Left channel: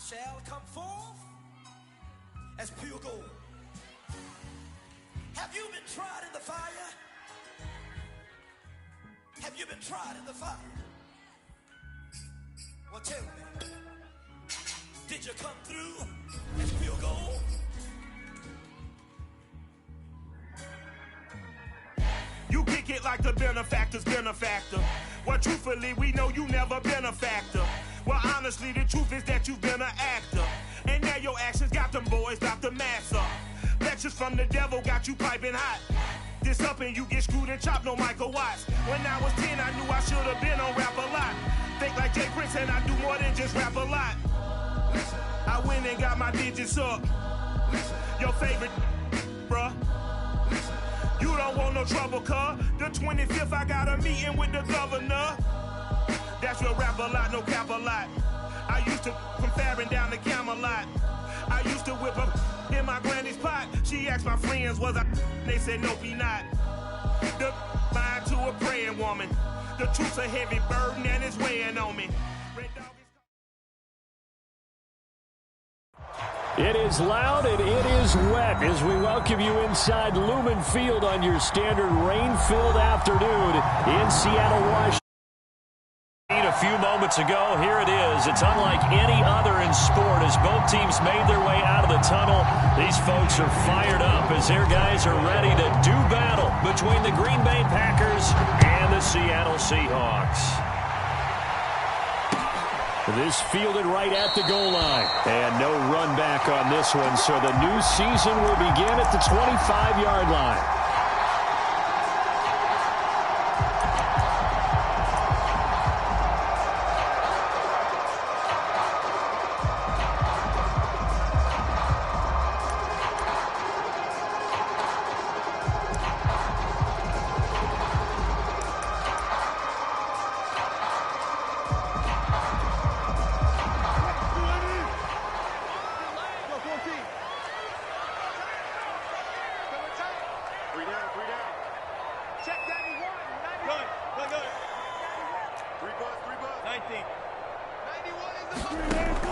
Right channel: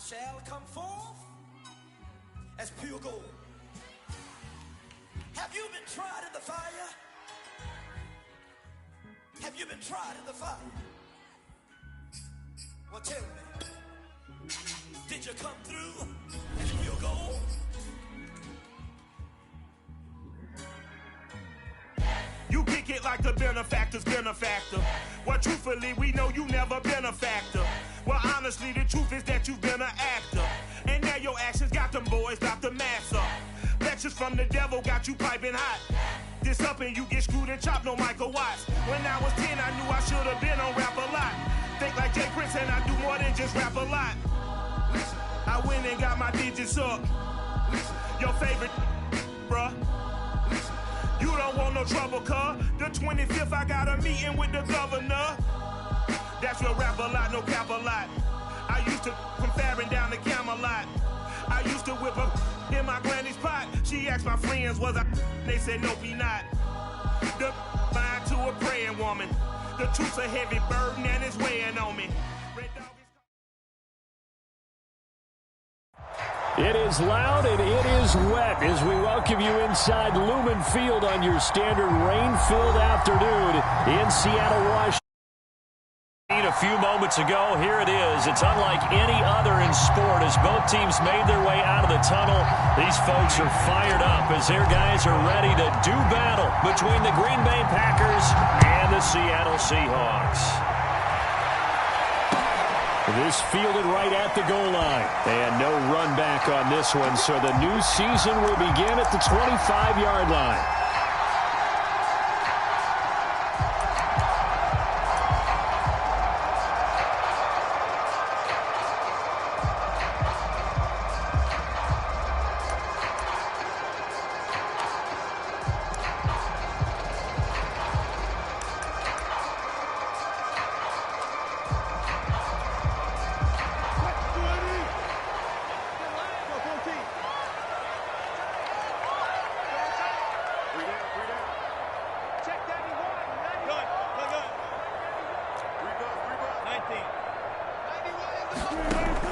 shall come forth as pure gold. Have you been tried in the fire? Have you been tried in the fire? Well, tell me, did you come through as pure gold? You kick it like the benefactor's benefactor. Well, truthfully, we know you never been a factor. Well, honestly, the truth is that you've been an actor. And now your actions got them boys dropped the mask up. Lectures from the devil got you piping hot. This up and you get screwed and chopped, no Michael Watts. When I was 10, I knew I should have been on Rap a Lot. Think like Jay Prince and I do more than just rap a lot. I went and got my digits up. Your favorite, bruh. You don't want no trouble, cuz. The 25th, I got a meeting with the governor. That's real rap a lot, no cap a lot. I used to from Farron down to Camelot. I used to whip up in my granny's pot. She asked my friends, was I? They said, nope, he not. The line to a praying woman. The truth's a heavy burden and it's weighing on me. It is loud and it is wet as we welcome you inside Lumen Field on your standard rain-filled afternoon in Seattle, Washington. A few moments ago, here it is. It's unlike any other in sport as both teams made their way out of the tunnel. These folks are fired up as their guys are ready to do battle between the Green Bay Packers and the Seattle Seahawks. This fielded right at the goal line. And no run back on this one, so the new season will begin at the 25-yard line.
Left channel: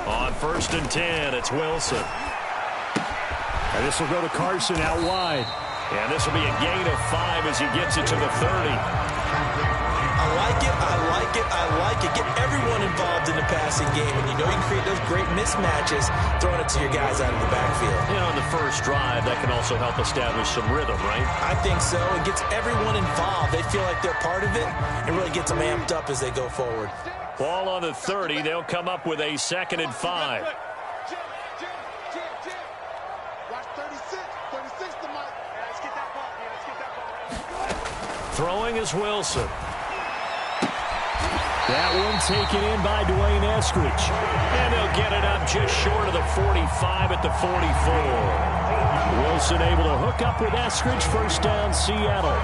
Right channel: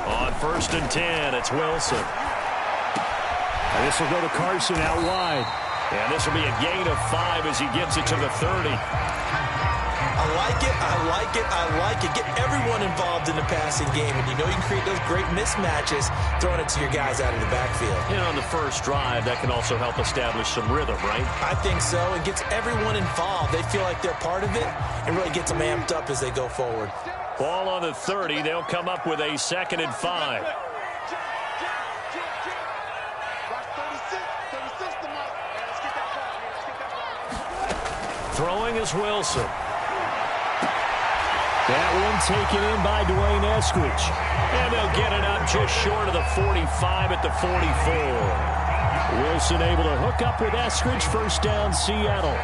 On 1st and 10, it's Wilson. And this will go to Carson out wide. And this will be a gain of 5 as he gets it to the 30. I like it, I like it, I like it. Get everyone involved in the passing game, and you know you can create those great mismatches throwing it to your guys out of the backfield. And on the first drive, that can also help establish some rhythm, right? I think so. It gets everyone involved. They feel like they're part of it and really gets them amped up as they go forward. Ball on the 30. They'll come up with a 2nd and 5. Throwing is Wilson. That one taken in by Dwayne Eskridge. And they'll get it up just short of the 45 at the 44. Wilson able to hook up with Eskridge. First down, Seattle.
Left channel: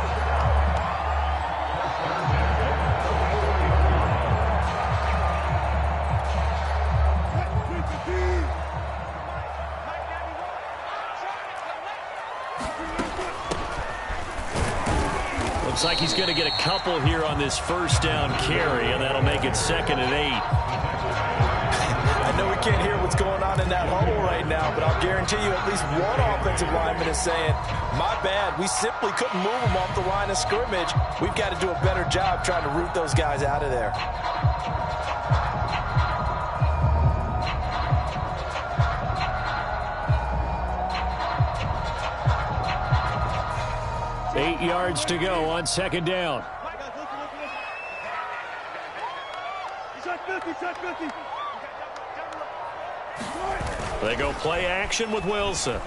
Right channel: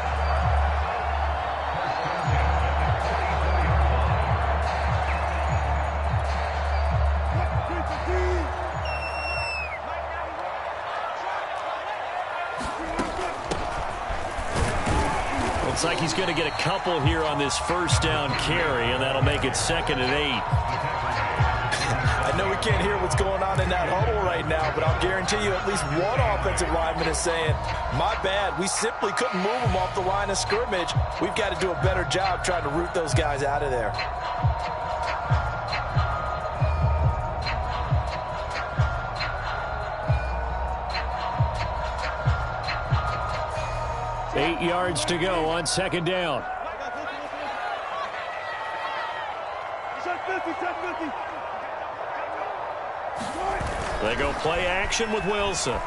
Looks like he's going to get a couple here on this first down carry, and that'll make it 2nd and 8. I know we can't hear what's going on in that huddle right now, but I'll guarantee you at least one offensive lineman is saying, my bad, we simply couldn't move them off the line of scrimmage. We've got to do a better job trying to root those guys out of there. Eight yards to go on 2nd down. They go play action with Wilson.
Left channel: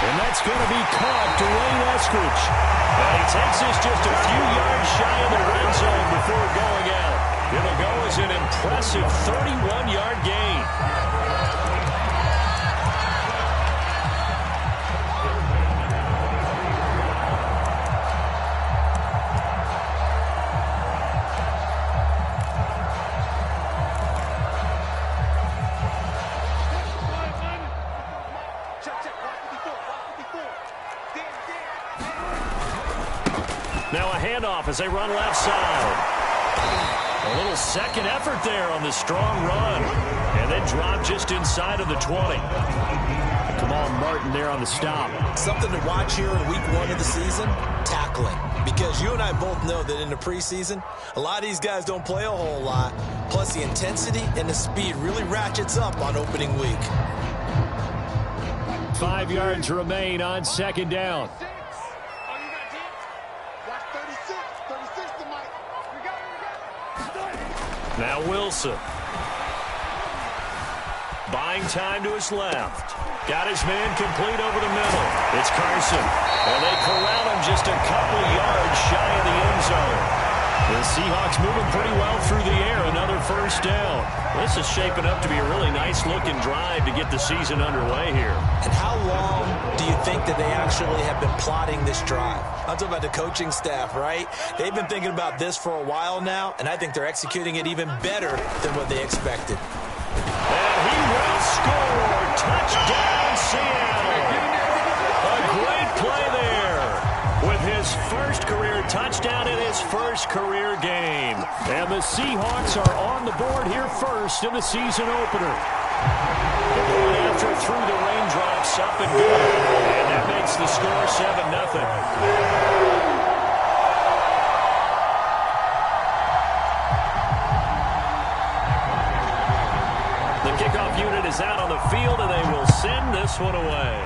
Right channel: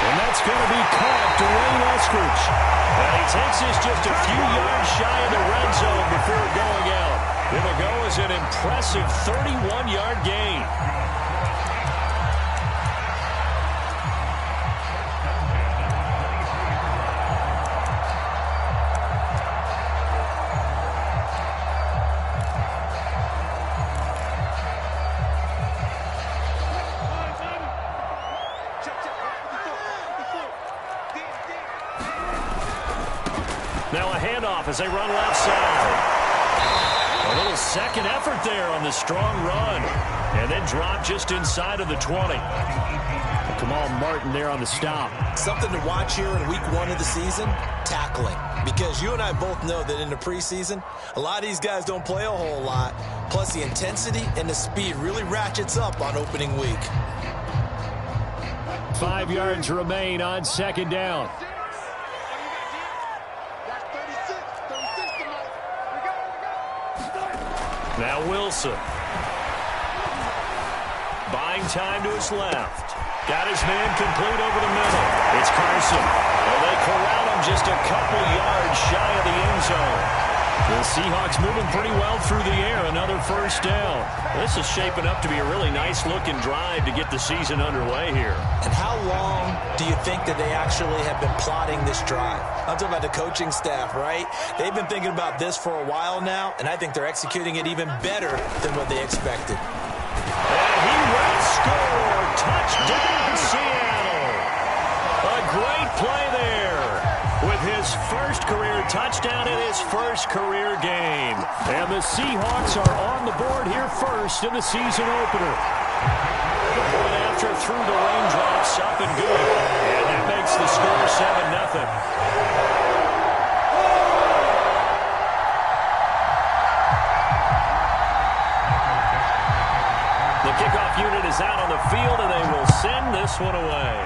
And that's going to be caught, Dwayne Eskridge. Now he takes this just a few yards shy of the red zone before going out. It'll go as an impressive 31-yard gain. Now a handoff as they run left side. A little second effort there on the strong run. And then drop just inside of the 20. Kamal Martin there on the stop. Something to watch here in week 1 of the season, tackling. Because you and I both know that in the preseason, a lot of these guys don't play a whole lot. Plus the intensity and the speed really ratchets up on opening week. 5 yards remain on second down. Now Wilson. Buying time to his left. Got his man complete over the middle. It's Carson. And they corral him just a couple yards shy of the end zone. The Seahawks moving pretty well through the air. Another first down. This is shaping up to be a really nice-looking drive to get the season underway here. And how long do you think that they actually have been plotting this drive? I'm talking about the coaching staff, right? They've been thinking about this for a while now, and I think they're executing it even better than what they expected. And he will score. Touchdown, Seattle. A great play there with his first career touchdown in his first career game. And the Seahawks are on the board here first in the season opener. The point after through the raindrops, up and good. And that makes the score 7-0. The kickoff unit is out on the field, and they will send this one away.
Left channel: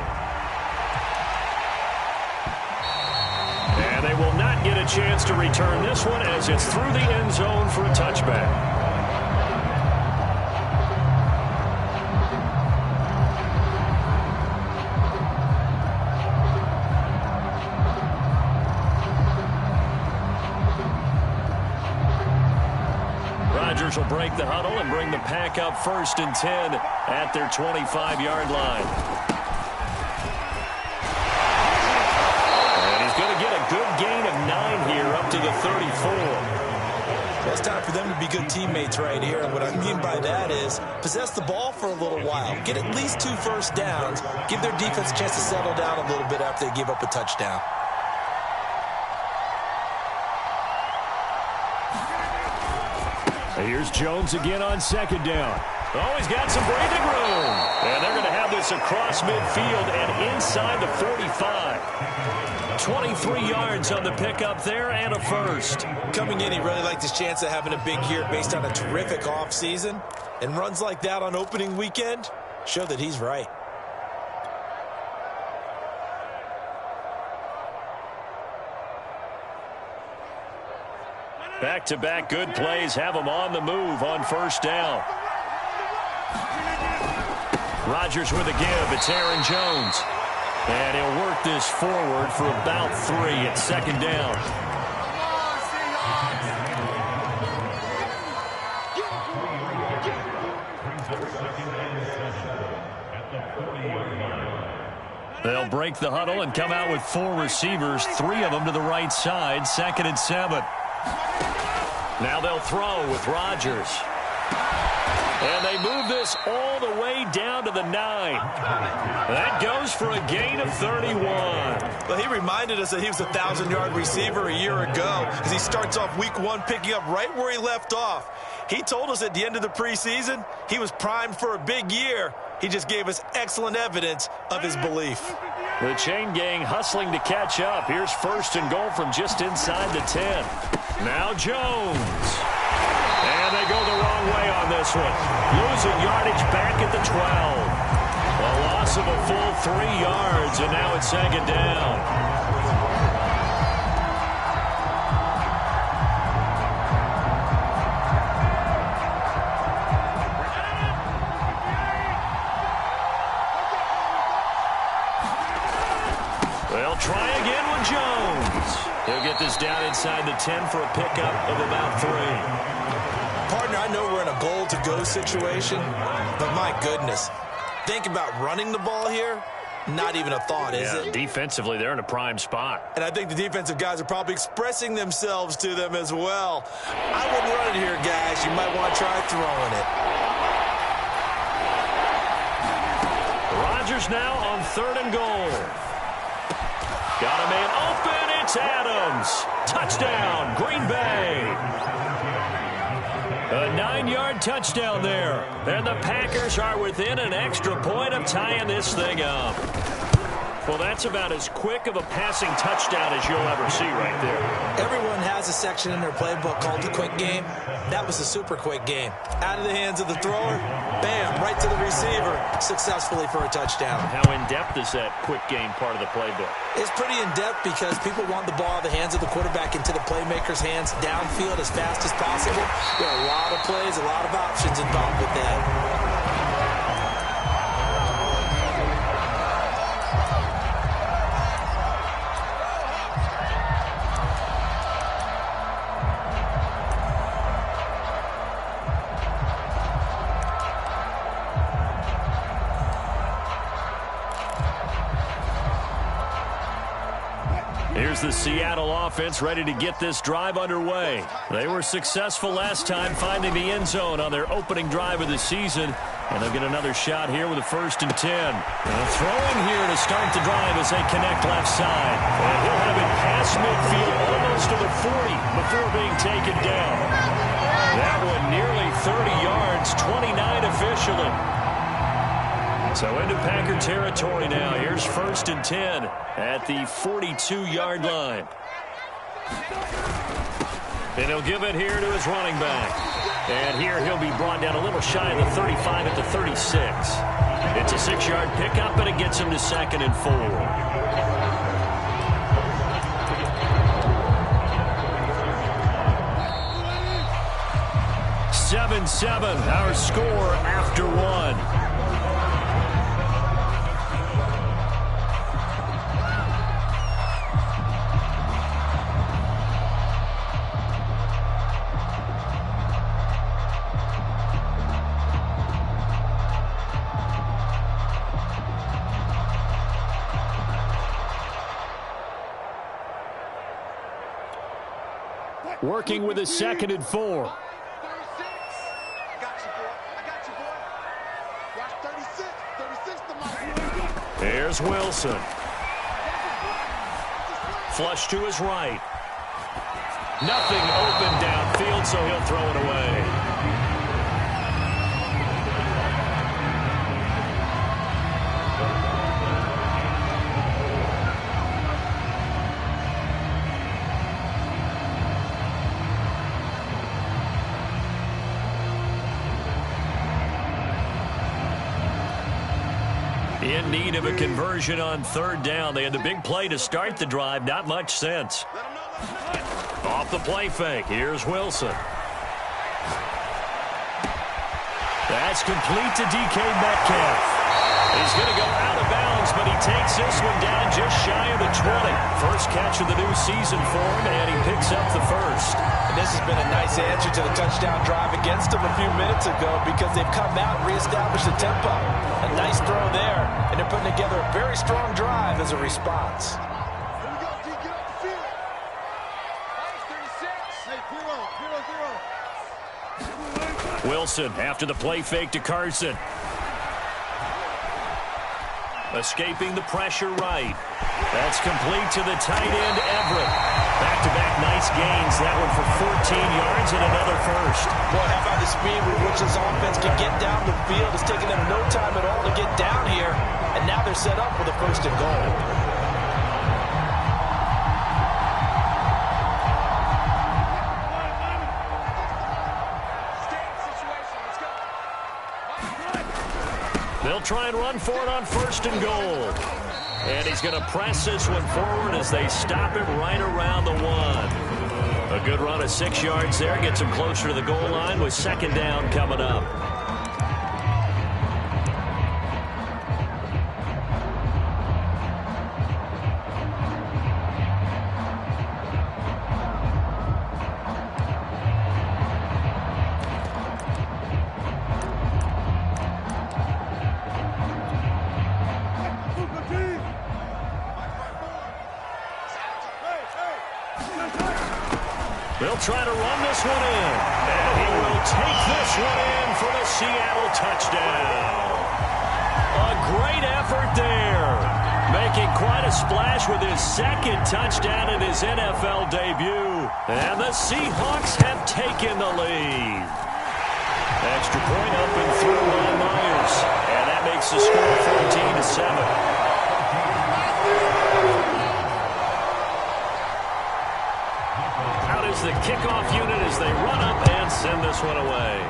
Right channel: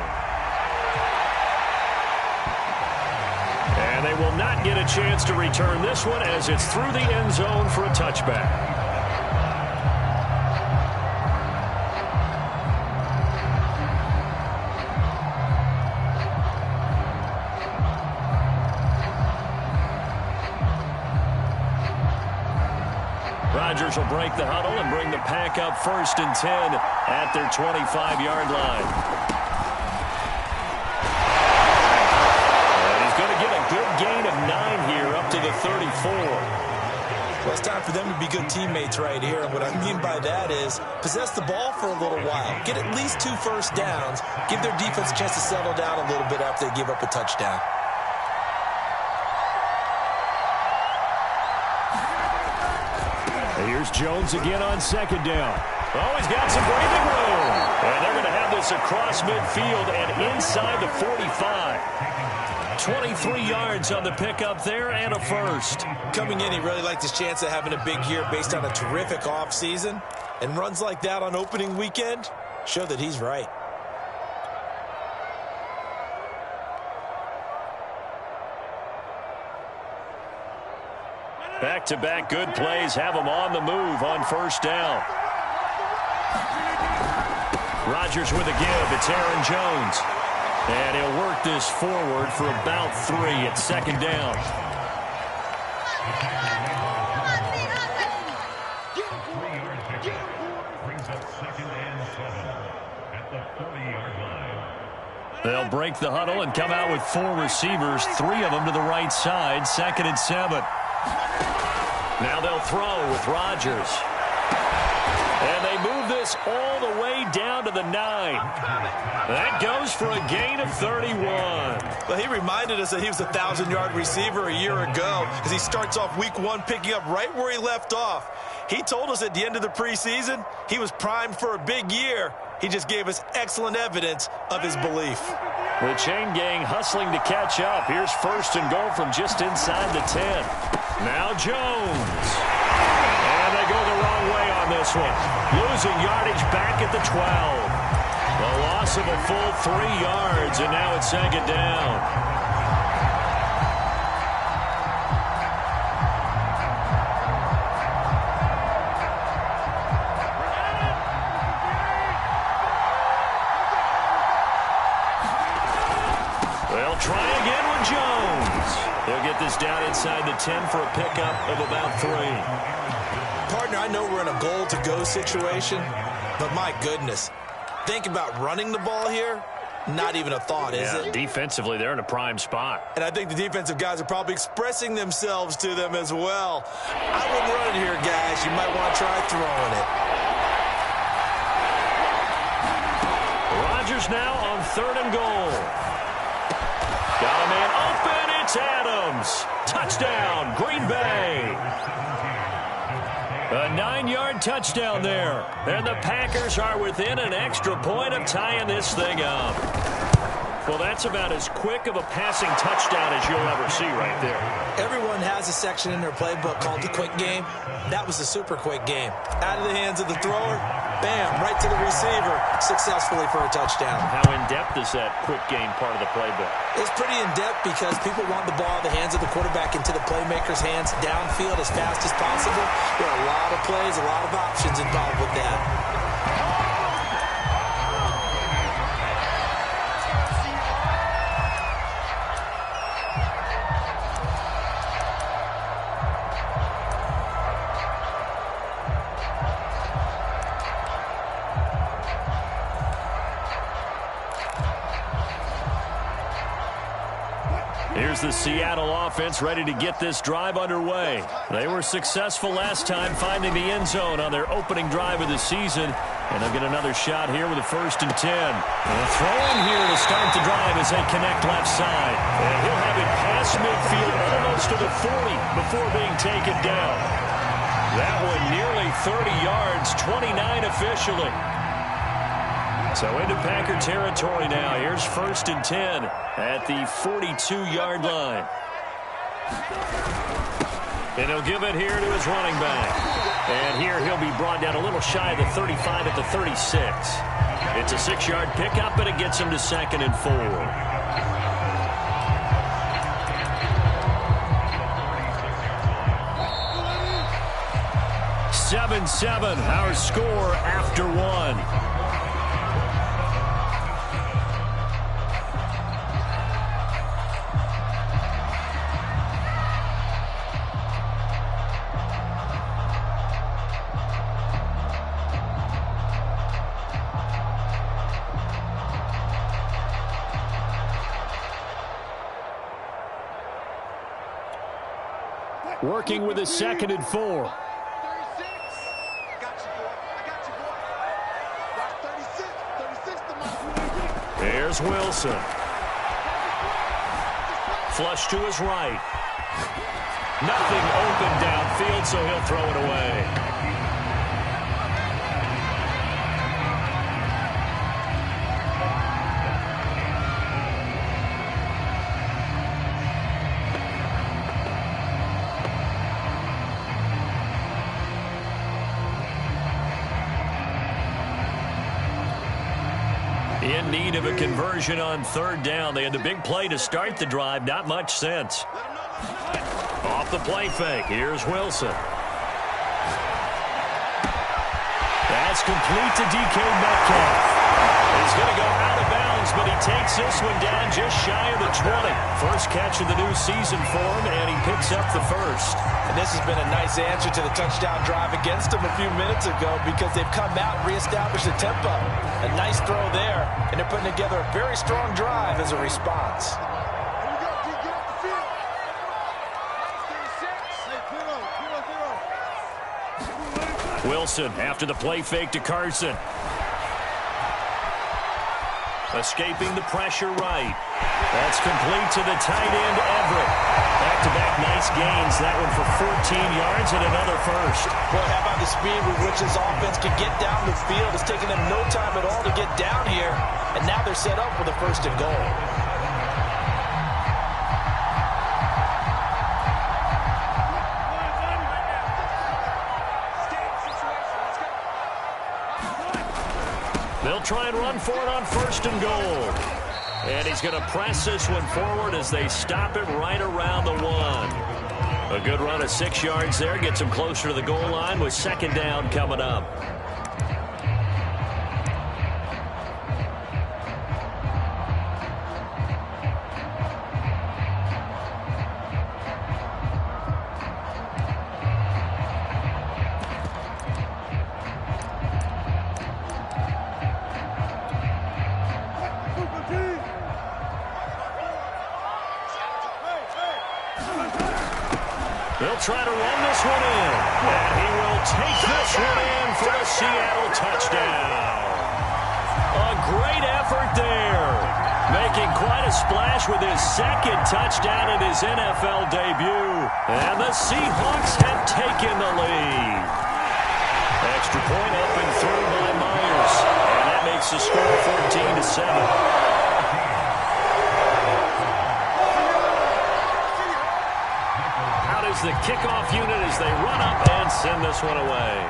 And they will not get a chance to return this one as it's through the end zone for a touchback. Rodgers will break the huddle and bring the pack up 1st and 10 at their 25-yard line. And he's going to get a good gain of 9 here up to the 34. Well, it's time for them to be good teammates right here. And what I mean by that is possess the ball for a little while. Get at least 2 first downs. Give their defense a chance to settle down a little bit after they give up a touchdown. Here's Jones again on 2nd down. Oh, he's got some breathing room. And they're going to have this across midfield and inside the 45. 23 yards on the pickup there and a first. Coming in, he really liked his chance of having a big year based on a terrific offseason. And runs like that on opening weekend show that he's right. Back-to-back good plays have them on the move on 1st down. Rodgers with a give. It's Aaron Jones. And he'll work this forward for about 3 at 2nd down. They'll break the huddle and come out with 4 receivers, 3 of them to the right side, 2nd and 7. Now they'll throw with Rodgers. And they move this all the way down to the 9. That goes for a gain of 31. Well, he reminded us that he was a 1,000-yard receiver a year ago as he starts off week 1 picking up right where he left off. He told us at the end of the preseason he was primed for a big year. He just gave us excellent evidence of his belief. The chain gang hustling to catch up. Here's 1st and goal from just inside the 10. Now Jones. And they go the wrong way on this one. Losing yardage back at the 12. A loss of a full 3 yards, and now it's 2nd down. They'll try again with Jones. He'll get this down inside the 10 for a pickup of about 3. Partner, I know we're in a goal-to-go situation, but my goodness, think about running the ball here. Not even a thought, is it? Defensively, they're in a prime spot. And I think the defensive guys are probably expressing themselves to them as well. I wouldn't run it here, guys. You might want to try throwing it. Rodgers now on 3rd and goal. Got a man open. It's Adams. Touchdown, Green Bay. 6-yard touchdown there. And the Packers are within an extra point of tying this thing up. Well, that's about as quick of a passing touchdown as you'll ever see right there. Everyone has a section in their playbook called the quick game. That was a super quick game. Out of the hands of the thrower, bam, right to the receiver, successfully for a touchdown. How in-depth is that quick game part of the playbook? It's pretty in-depth because people want the ball in the hands of the quarterback into the playmaker's hands downfield as fast as possible. There are a lot of plays, a lot of options involved with that. Here's the Seattle offense ready to get this drive underway. They were successful last time finding the end zone on their opening drive of the season. And they'll get another shot here with a 1st and 10. Throwing here to start the drive as they connect left side. And he'll have it past midfield almost to the 40 before being taken down. That one nearly 30 yards, 29 officially. So into Packer territory now. Here's 1st and 10 at the 42-yard line. And he'll give it here to his running back. And here he'll be brought down a little shy of the 35 at the 36. It's a 6-yard pickup, and it gets him to 2nd and 4. 7-7, our score after 1. Working with a 2nd and 4. 36. I got you, boy. I got you, boy. Watch 36. 36 to my. There's Wilson. Flush to his right. Nothing open downfield, so he'll throw it away. In need of a conversion on 3rd down. They had the big play to start the drive. Not much sense. Off the play fake. Here's Wilson. That's complete to DK Metcalf. He's going to go out of bounds, but he takes this one down just shy of the 20. First catch of the new season for him, and he picks up the 1st. And this has been a nice answer to the touchdown drive against them a few minutes ago because they've come out and reestablished the tempo. A nice throw there, and they're putting together a very strong drive as a response. Here we go, D. Get off the field. Hey, 0-0. Wilson after the play fake to Carson. Escaping the pressure right. That's complete to the tight end, Everett. Back-to-back nice gains. That one for 14 yards and another 1st. Boy, how about the speed with which this offense can get down the field? It's taking them no time at all to get down here. And now they're set up with a 1st and goal. They'll try and run for it on 1st and goal. And he's going to press this one forward as they stop him right around the 1. A good run of 6 yards there. Gets him closer to the goal line with 2nd down coming up. They'll try to run this one in. And he will take this one in for the Seattle touchdown. A great effort there. Making quite a splash with his 2nd touchdown in his NFL debut. And the Seahawks have taken the lead. Extra point up and through by Myers. And that makes the score 14-7. Out is the kickoff unit as they run up and send this one away.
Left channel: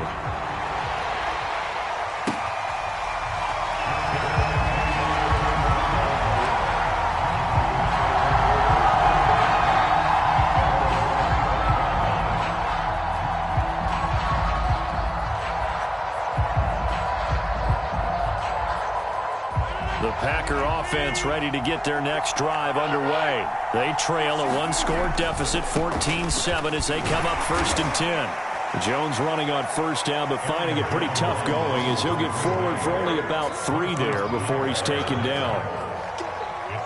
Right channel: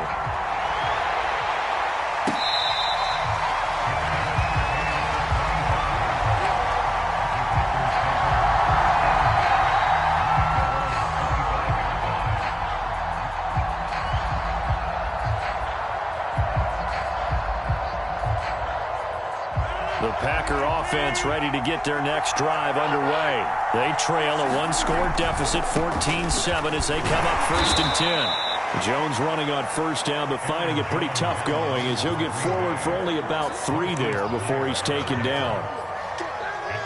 The Packer offense ready to get their next drive underway. They trail a one-score deficit, 14-7, as they come up 1st and 10. Jones running on first down, but finding it pretty tough going as he'll get forward for only about 3 there before he's taken down.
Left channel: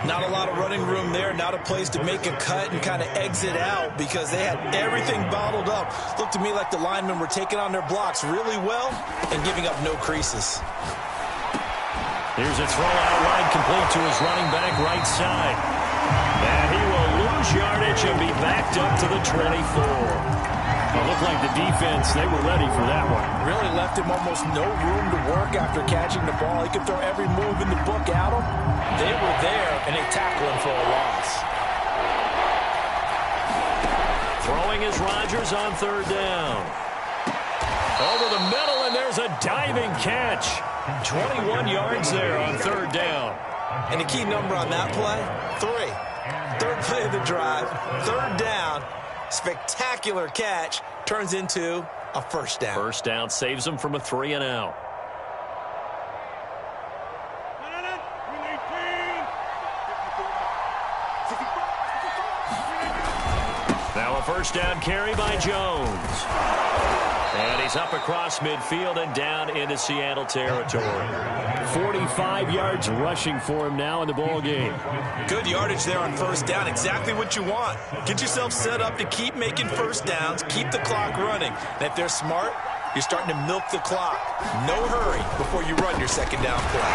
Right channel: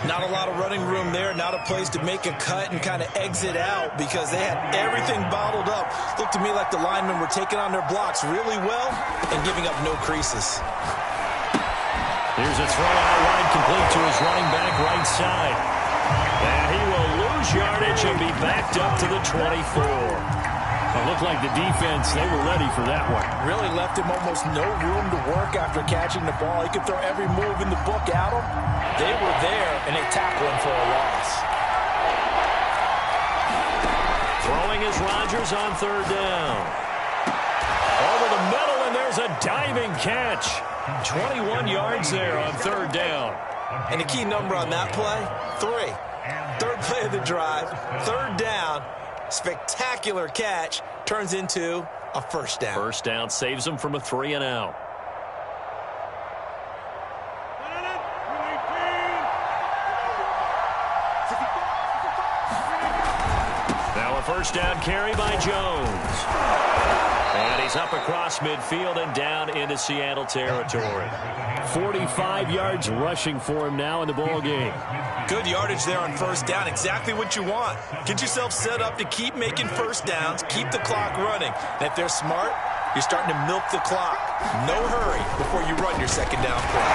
Not a lot of running room there, not a place to make a cut and kind of exit out because they had everything bottled up. Looked to me like the linemen were taking on their blocks really well and giving up no creases. Here's a throw out wide, complete to his running back right side. And he will lose yardage and be backed up to the 24. It looked like the defense, they were ready for that one. Really left him almost no room to work after catching the ball. He could throw every move in the book at him. They were there, and they tackled him for a loss. Throwing is Rodgers on 3rd down. Over the middle, and there's a diving catch. 21 yards there on 3rd down. And the key number on that play, 3. 3rd play of the drive, 3rd down, spectacular catch, turns into a 1st down. 1st down saves them from a 3 and out. Now a 1st down carry by Jones. And he's up across midfield and down into Seattle territory. 45 yards rushing for him now in the ball game. Good yardage there on 1st down. Exactly what you want. Get yourself set up to keep making 1st downs, keep the clock running. And if they're smart, you're starting to milk the clock. No hurry before you run your 2nd down play.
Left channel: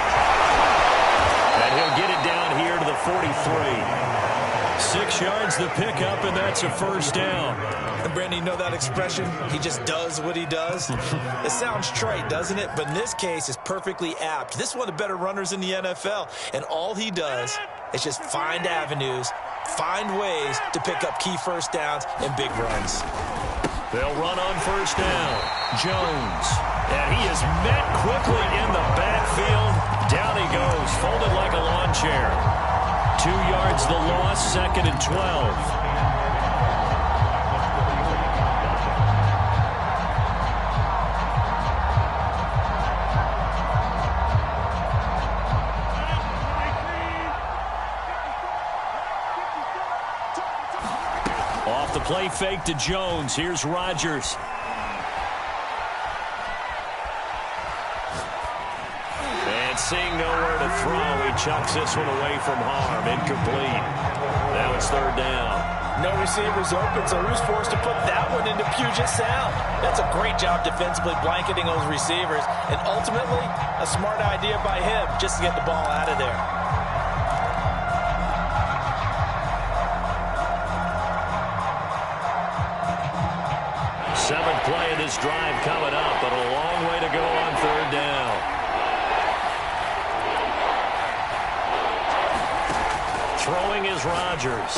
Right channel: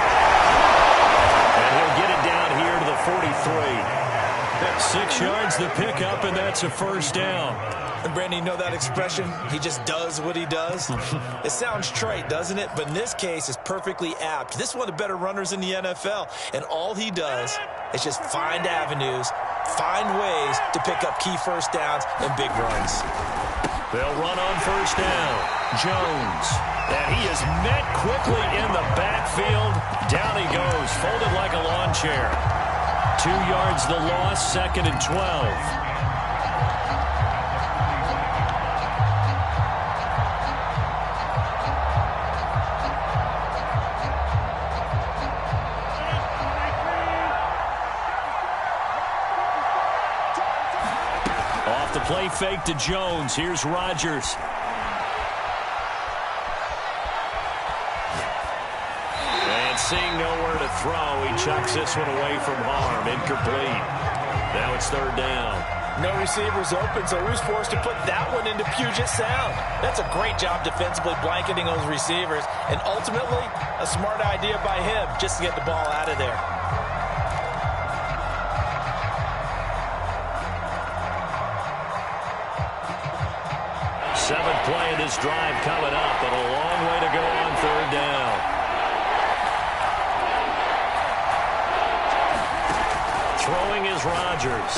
And he'll get it down here to the 43. 6 yards the pickup, and that's a 1st down. And Brandon, you know that expression? He just does what he does. It sounds trite, doesn't it? But in this case, it's perfectly apt. This is one of the better runners in the NFL. And all he does is just find avenues, find ways to pick up key 1st downs and big runs. They'll run on 1st down. Jones. And he is met quickly in the backfield. Down he goes, folded like a lawn chair. 2 yards the loss, 2nd and 12. Off the play fake to Jones. Here's Rodgers. And seeing nowhere to throw, he chucks this one away from harm. Incomplete. Now it's 3rd down. No receivers open, so who's forced to put that one into Puget Sound? That's a great job defensively blanketing those receivers. And ultimately, a smart idea by him just to get the ball out of there. Seventh play of this drive coming up, but a long way to go on 3rd down. Throwing is Rodgers.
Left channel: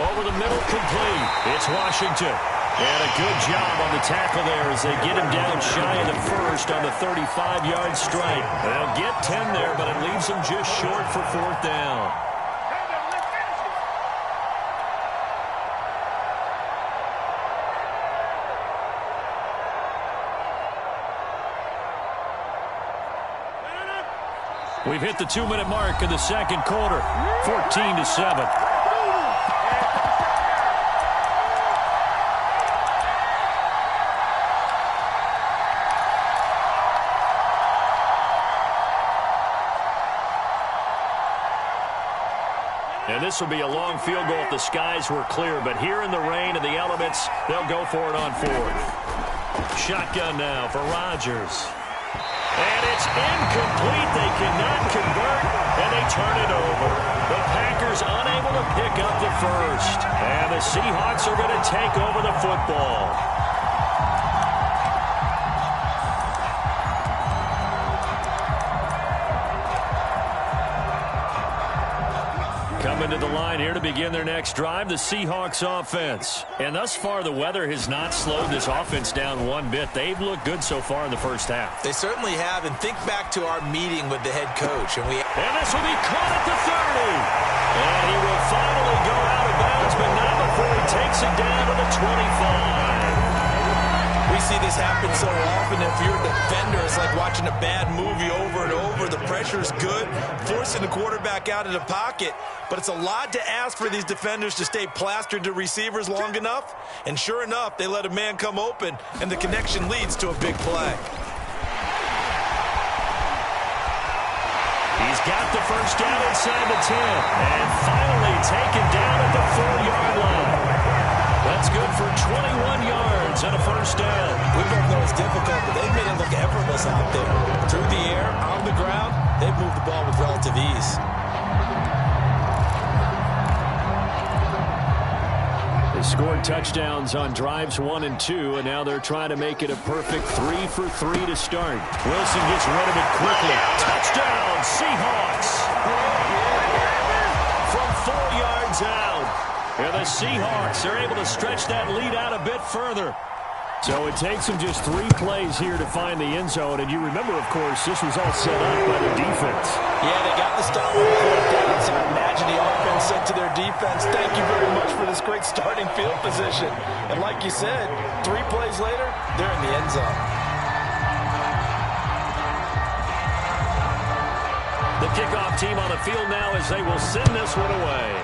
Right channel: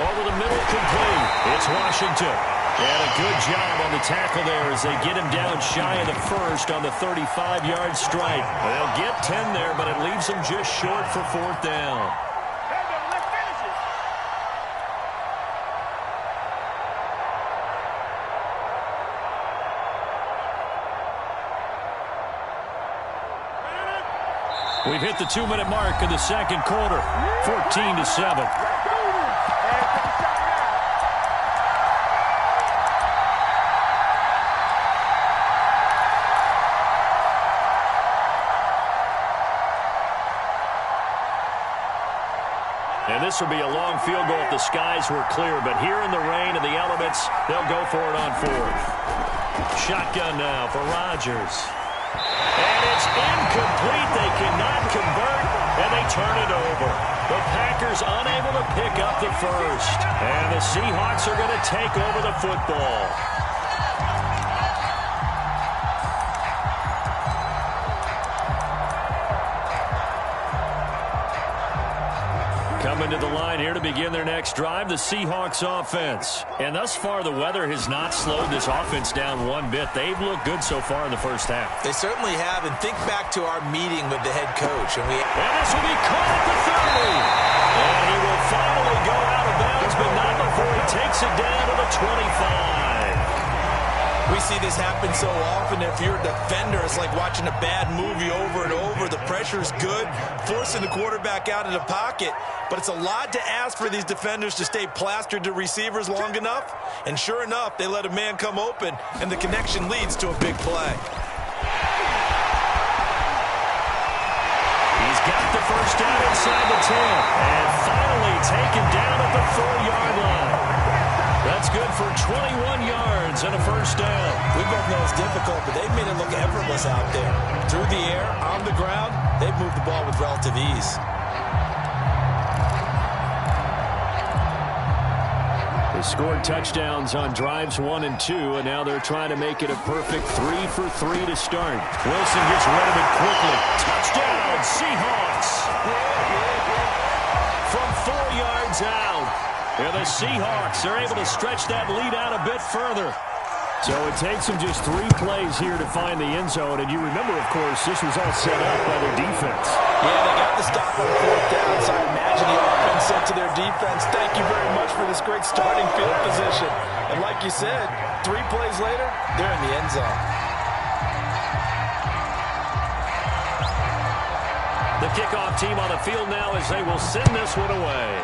Over the middle, complete. It's Washington. And a good job on the tackle there as they get him down shy of the 1st on the 35-yard strike. They'll get 10 there, but it leaves them just short for 4th down. We've hit the 2-minute mark in the 2nd quarter, 14-7. And this will be a long field goal if the skies were clear, but here in the rain and the elements, they'll go for it on 4th. Shotgun now for Rodgers. And it's incomplete. They cannot convert, and they turn it over. The Packers unable to pick up the 1st. And the Seahawks are going to take over the football. Coming to the line here to begin their next drive, the Seahawks offense. And thus far, the weather has not slowed this offense down one bit. They've looked good so far in the first half. They certainly have, and think back to our meeting with the head coach. And this will be caught at the 30. And he will finally go out of bounds, but not before he takes it down to the 25. We see this happen so often. If you're a defender, it's like watching a bad movie over and over. The pressure is good, forcing the quarterback out of the pocket. But it's a lot to ask for these defenders to stay plastered to receivers long enough. And sure enough, they let a man come open, and the connection leads to a big play. He's got the first down inside the 10. And finally taken down at the 4-yard line. That's good for 21 yards and a first down. We both know it's difficult, but they've made it look effortless out there. Through the air, on the ground, they've moved the ball with relative ease. They scored touchdowns on drives 1 and 2, and now they're trying to make it a perfect 3 for 3 to start. Wilson gets rid of it quickly. Touchdown, Seahawks! From 4 yards out. Yeah, the Seahawks are able to stretch that lead out a bit further. So it takes them just 3 plays here to find the end zone. And you remember, of course, this was all set up by their defense. Yeah, they got the stop on 4th down, so I imagine the offense said to their defense, thank you very much for this great starting field position. And like you said, 3 plays later, they're in the end zone. The kickoff team on the field now as they will send this one away.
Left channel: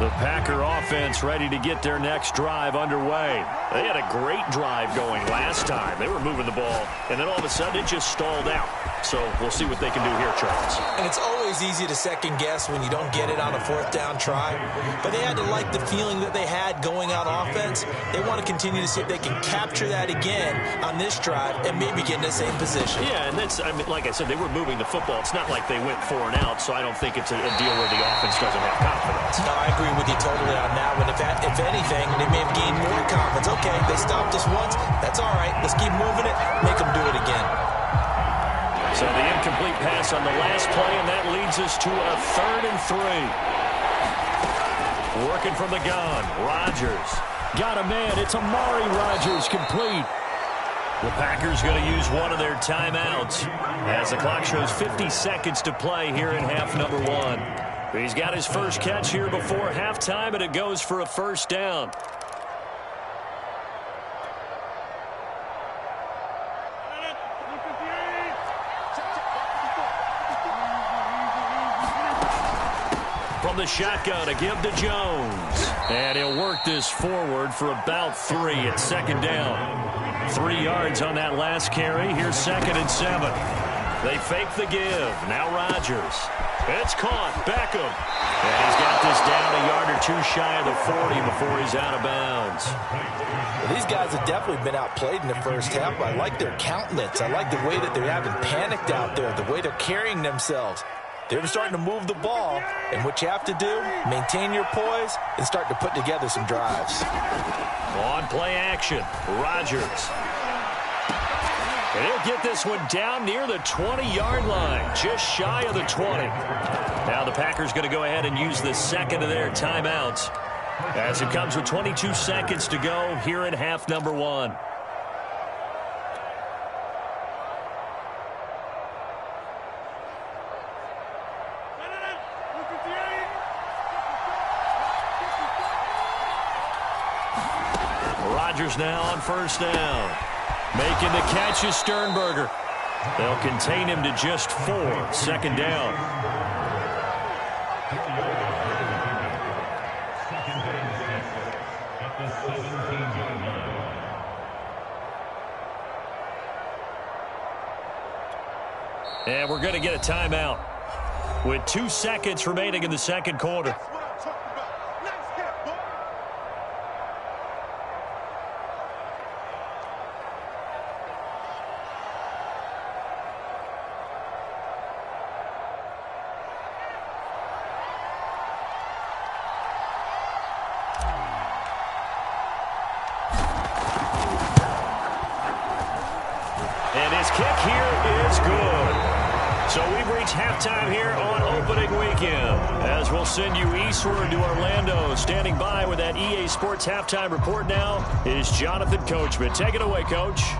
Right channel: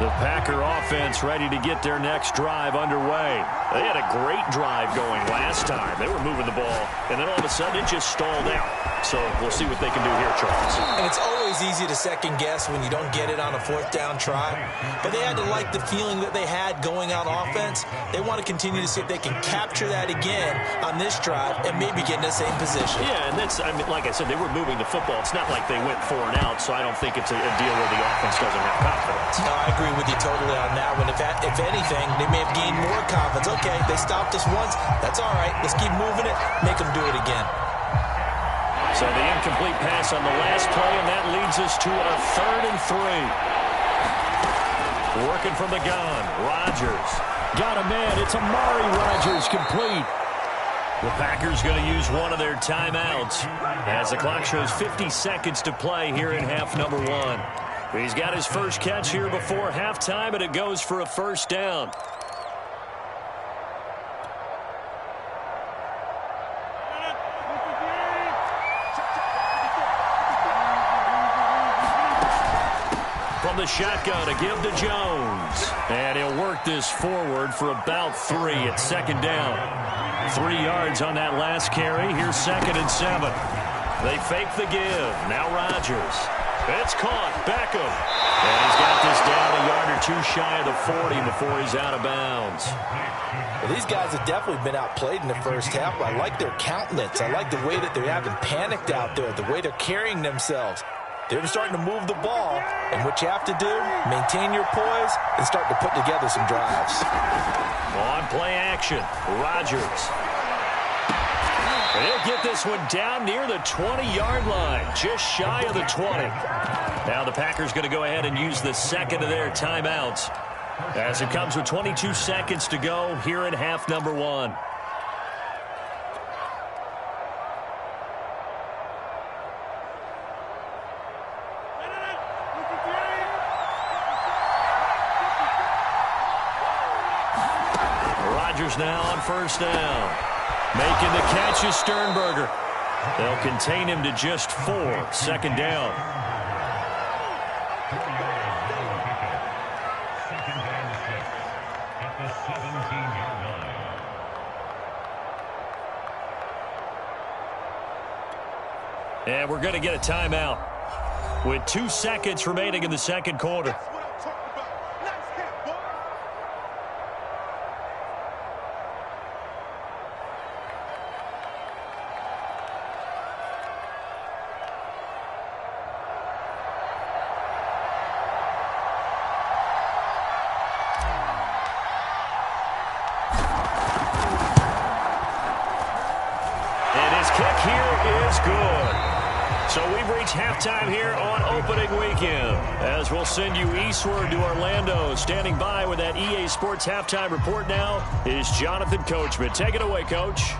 The Packer offense ready to get their next drive underway. They had a great drive going last time. They were moving the ball, and then all of a sudden it just stalled out. So we'll see what they can do here, Charles. And it's always easy to second guess when you don't get it on a 4th down try. But they had to like the feeling that they had going on offense. They want to continue to see if they can capture that again on this drive and maybe get in the same position. Yeah, and that's, I mean, like I said, they were moving the football. It's not like they went 4 and out, so I don't think it's a deal where the offense doesn't have confidence. No, I agree with you totally on that one. If anything, they may have gained more confidence. Okay, they stopped us once. That's all right. Let's keep moving it. Make them do it again. So the incomplete pass on the last play, and that leads us to a 3rd and 3. Working from the gun, Rodgers. Got a man. It's Amari Rodgers complete. The Packers going to use one of their timeouts as the clock shows 50 seconds to play here in half number 1. He's got his first catch here before halftime, and it goes for a first down. From the shotgun, a give to Jones. And he'll work this forward for about 3 at 2nd down. 3 yards on that last carry. Here's 2nd and 7. They fake the give. Now Rodgers. It's caught. Beckham. And he's got this down a yard or 2 shy of the 40 before he's out of bounds. Well, these guys have definitely been outplayed in the first half. I like their countenance. I like the way that they haven't panicked out there, the way they're carrying themselves. They're starting to move the ball, and what you have to do, maintain your poise and start to put together some drives. On play action, Rodgers. And he'll get this one down near the 20-yard line, just shy of the 20. Now the Packers going to go ahead and use the 2nd of their timeouts as it comes with 22 seconds to go here in half number 1. Rodgers now on first down. Making the catch is Sternberger. They'll contain him to just 4. 2nd down. And we're going to get a timeout with 2 seconds remaining in the second quarter. kick here is good. So we've reached halftime here on opening weekend. As we'll send you eastward to Orlando. Standing by with that EA Sports halftime report now is Jonathan Coachman. Take it away, Coach.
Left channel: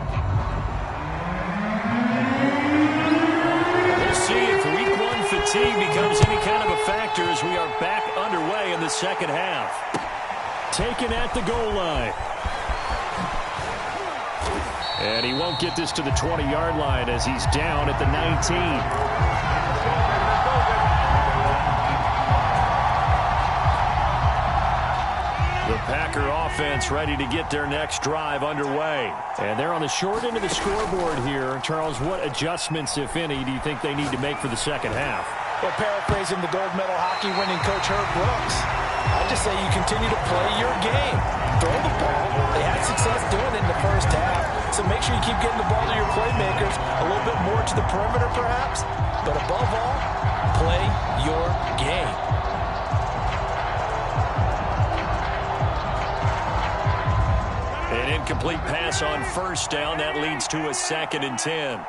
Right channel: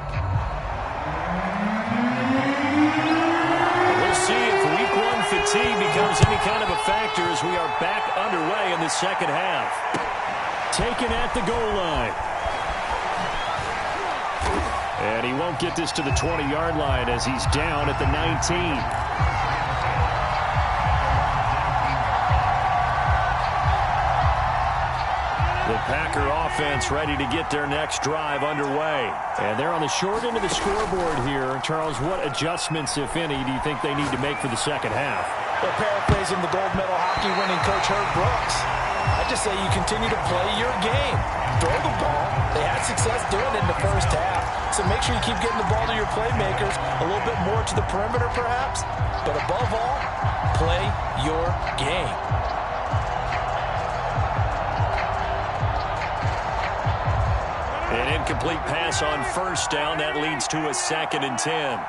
We'll see if week one fatigue becomes any kind of a factor as we are back underway in the second half. Taken at the goal line. And he won't get this to the 20-yard line as he's down at the 19. The Packer offense ready to get their next drive underway. And they're on the short end of the scoreboard here. Charles, what adjustments, if any, do you think they need to make for the second half? Well, paraphrasing the gold medal hockey winning coach Herb Brooks, I just say you continue to play your game. Throw the ball. They had success doing it in the first half. So make sure you keep getting the ball to your playmakers, a little bit more to the perimeter perhaps. But above all, play your game. An incomplete pass on first down. That leads to a 2nd and 10.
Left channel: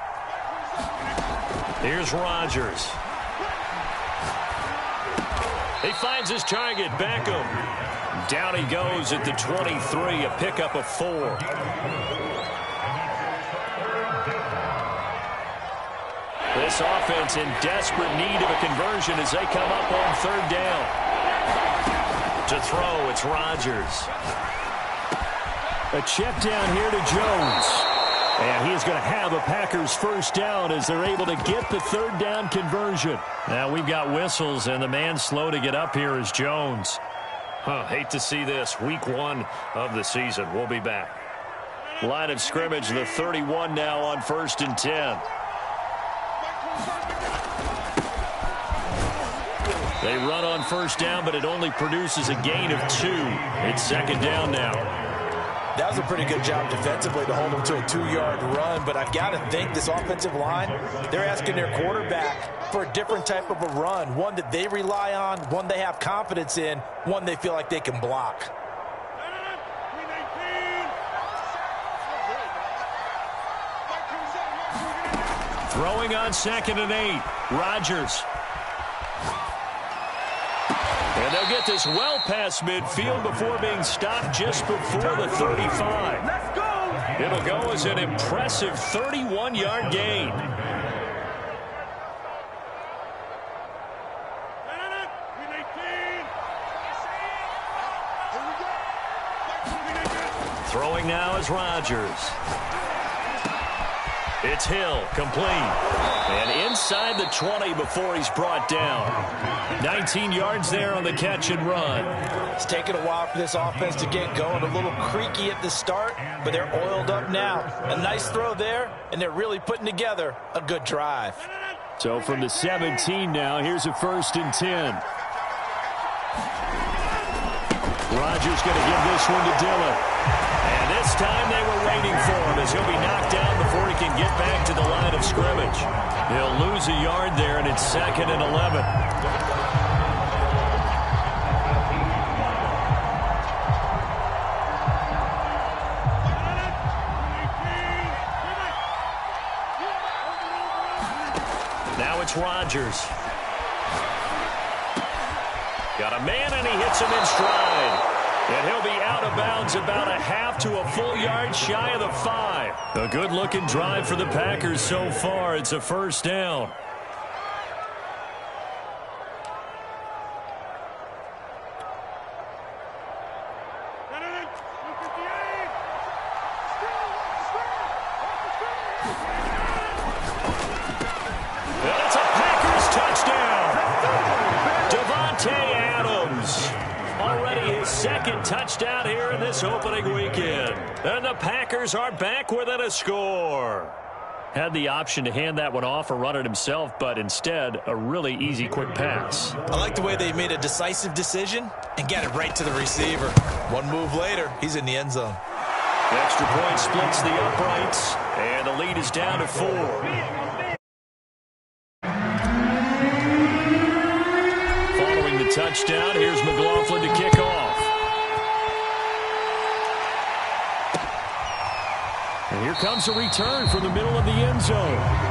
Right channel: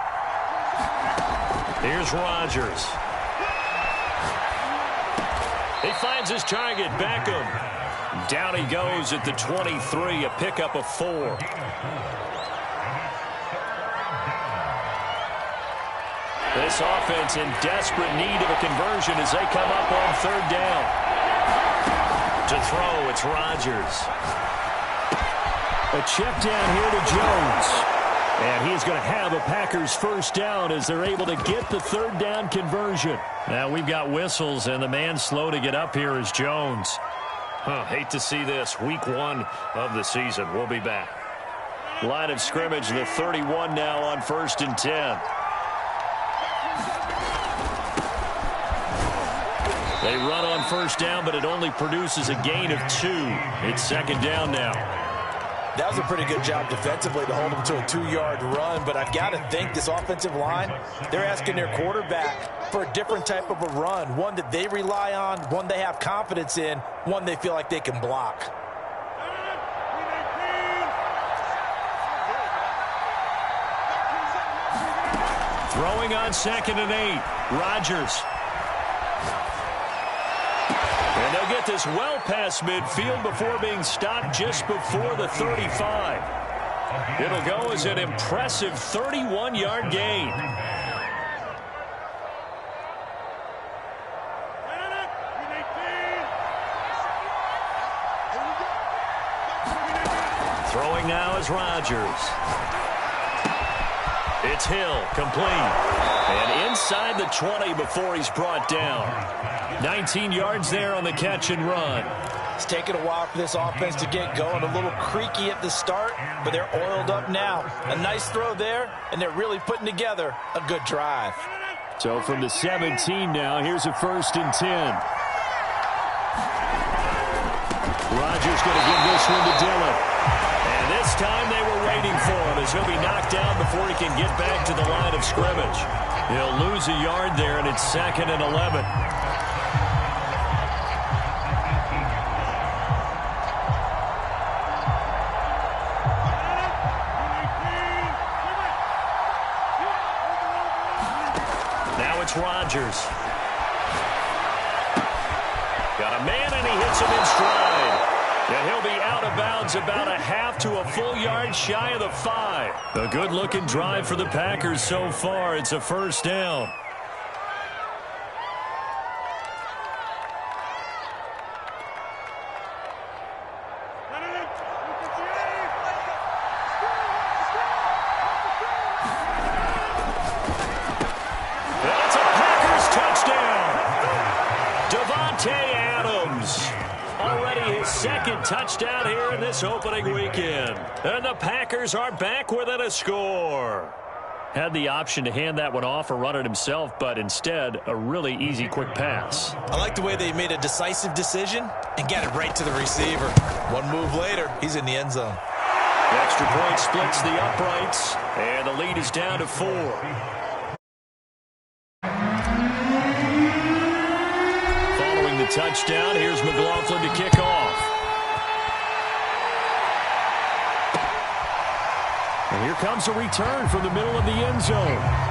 Here's Rodgers. He finds his target, Beckham. Down he goes at the 23, a pickup of 4. This offense in desperate need of a conversion as they come up on 3rd down. To throw, it's Rodgers. A check down here to Jones. And he is going to have a Packers first down as they're able to get the 3rd down conversion. Now we've got whistles, and the man slow to get up here is Jones. Hate to see this. Week 1 of the season. We'll be back. Line of scrimmage, the 31 now on 1st and 10. They run on first down, but it only produces a gain of 2. It's 2nd down now. That was a pretty good job defensively to hold them to a 2-yard run, but I've got to think this offensive line, they're asking their quarterback for a different type of a run, one that they rely on, one they have confidence in, one they feel like they can block. Throwing on 2nd and 8, Rodgers. And they'll get this well past midfield before being stopped just before the 35. It'll go as an impressive 31-yard gain. Throwing now is Rodgers. It's Hill, complete. And inside the 20 before he's brought down. 19 yards there on the catch and run. It's taken a while for this offense to get going. A little creaky at the start, but they're oiled up now. A nice throw there, and they're really putting together a good drive. So from the 17 now, here's a 1st and 10. Rodgers going to give this one to Dillon. And this time they were waiting for him as he'll be knocked down before he can get back to the line of scrimmage. He'll lose a yard there, and it's 2nd and 11. Now it's Rodgers. Got a man, and he hits him in stride. And he'll be out of bounds about a half to a full yard shy of the 5. A good-looking drive for the Packers so far. It's a first down. And it's a Packers touchdown. Davante Adams. Already his 2nd touchdown here in this opening weekend. And the Packers are back within a score. Had the option to hand that one off or run it himself, but instead, a really easy quick pass. I like the way they made a decisive decision and got it right to the receiver. One move later, he's in the end zone. The extra point splits the uprights, and the lead is down to 4. Following the touchdown, here's McLaughlin to kick off. And Here comes a return from the middle of the end zone.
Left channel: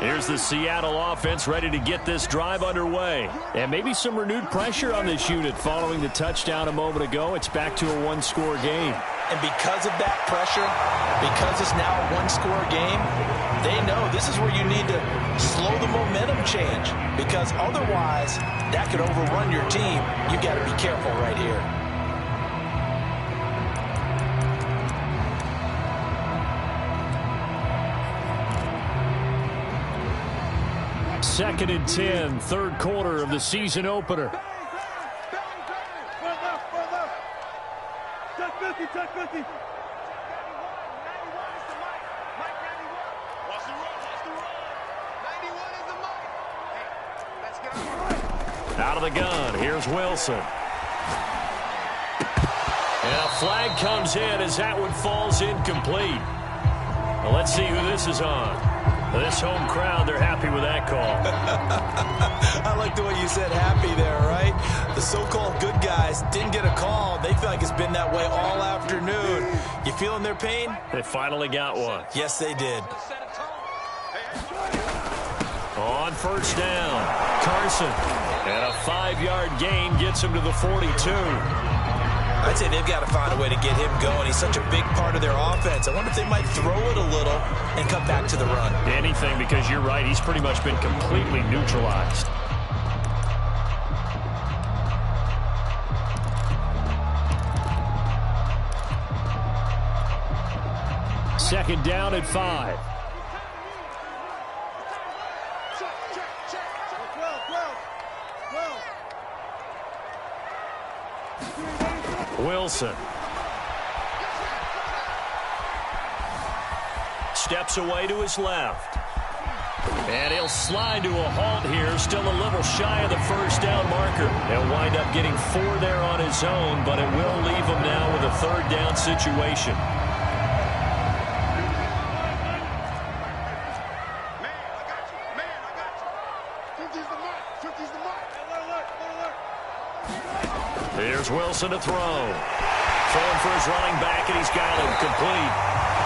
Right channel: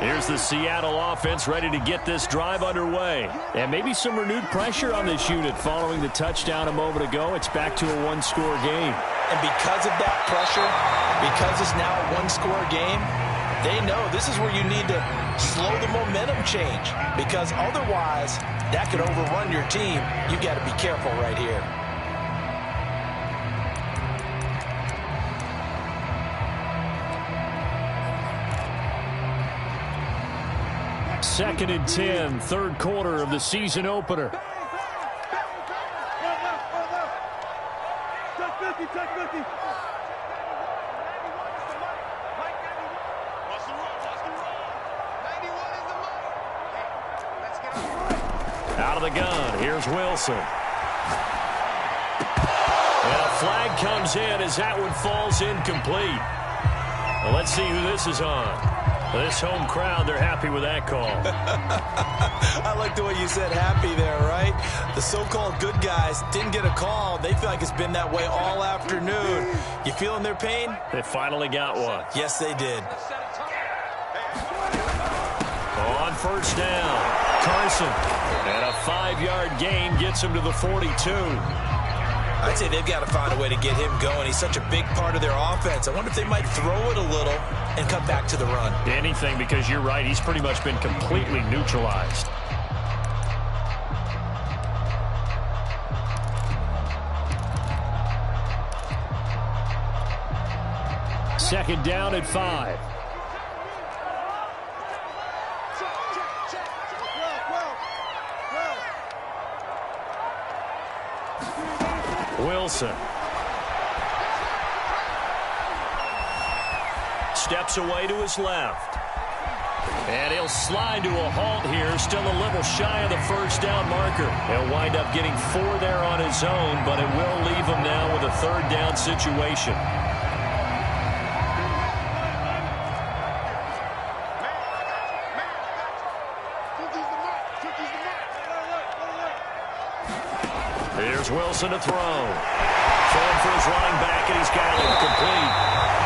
Here's the Seattle offense ready to get this drive underway. And maybe some renewed pressure on this unit following the touchdown a moment ago. It's back to a one-score game. And because of that pressure, because it's now a one-score game, they know this is where you need to slow the momentum change. Because otherwise, that could overrun your team. You've got to be careful right here. Second and 10, third quarter of the season opener. Check 50, check 50. 91 is the mic. Mike 91. Watch the run. 91 is the mic. Hey, let's get on. Out of the gun, here's Wilson. And a flag comes in as that one falls incomplete. Well, let's see who this is on. This home crowd, they're happy with that call. I like the way you said happy there, right? The so-called good guys didn't get a call. They feel like it's been that way all afternoon. You feeling their pain? They finally got one. Yes, they did. On first down, Carson. And a 5-yard gain gets him to the 42. I'd say they've got to find a way to get him going. He's such a big part of their offense. I wonder if they might throw it a little and come back to the run. Anything, because you're right. He's pretty much been completely neutralized. Second down at 5. Wilson. Steps away to his left. And he'll slide to a halt here, still a little shy of the first down marker. He'll wind up getting 4 there on his own, but it will leave him now with a third down situation. Here's Wilson to throw. Throwing for his running back, and he's got him complete.